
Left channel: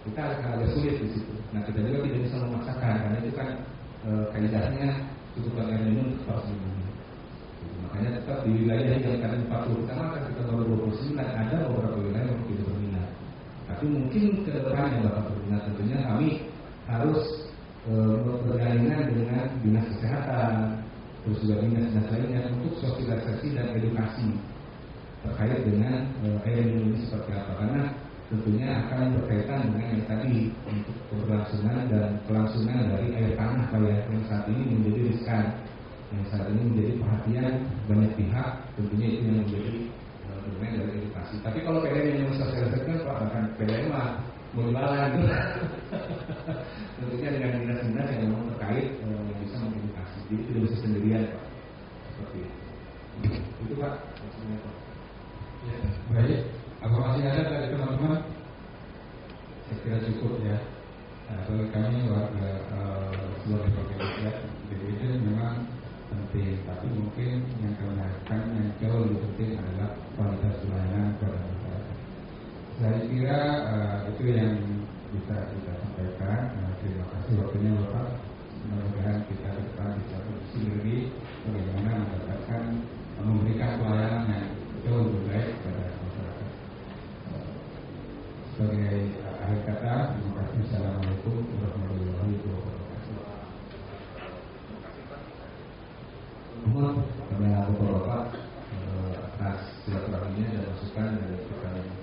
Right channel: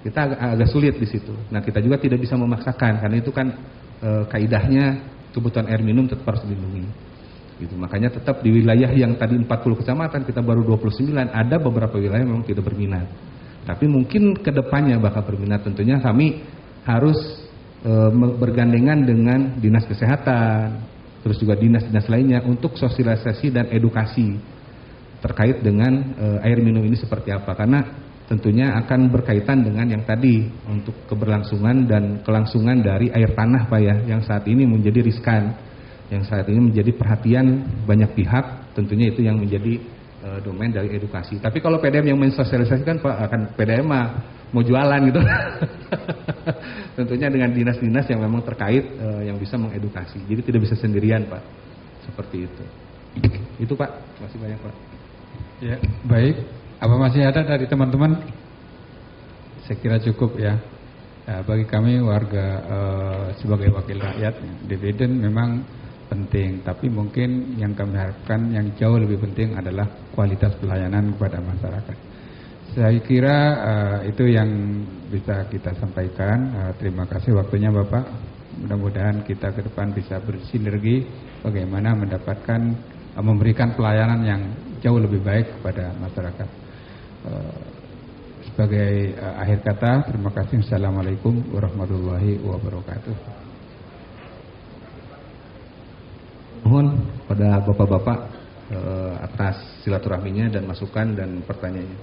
Kita agak sulit di situ. Nah kita juga tidak bisa memaksakan karena itu kan kaidahnya kebutuhan air minum tetap harus dilindungi. Gitu. Makanya tetap di wilayah yang tadi 40 kecamatan kita baru 29, ada beberapa wilayah yang memang tidak berminat. Tapi mungkin kedepannya bakal berminat. Tentunya kami harus bergandengan dengan dinas kesehatan, terus juga dinas-dinas lainnya untuk sosialisasi dan edukasi terkait dengan air minum ini seperti apa. Karena tentunya akan berkaitan dengan yang tadi untuk keberlangsungan dan kelangsungan dari air tanah Pak ya, yang saat ini menjadi riskan. yang saat ini menjadi perhatian banyak pihak, tentunya itu yang menjadi domain dari edukasi. Tapi kalau PDM yang mensosialisasikan Pak, akan PDM mau jualan gitu. Tentunya dengan dinas-dinas yang memang terkait yang bisa mengedukasi. Jadi tidak bisa sendirian Pak, seperti itu. Itu Pak, terima kasih banyak Pak. Ya, baik. Apa masih ada dari teman-teman? Saya kira cukup ya. Bagi kami warga sebagai wakil rakyat, dividen memang penting, tapi mungkin yang kami harapkan yang jauh lebih penting adalah kualitas pelayanan kepada masyarakat. Saya kira itu yang bisa kita sampaikan. Terima kasih waktunya Bapak. Mudah-mudahan kita ke depan bisa bersinergi bagaimana mendapatkan memberikan pelayanan yang jauh lebih baik kepada masyarakat. Sebagai akhir kata, terima kasih. Assalamualaikum warahmatullahi wabarakatuh. Mohon pada bapak-bapak atas silaturahminya dan masukan dan pertanyaannya.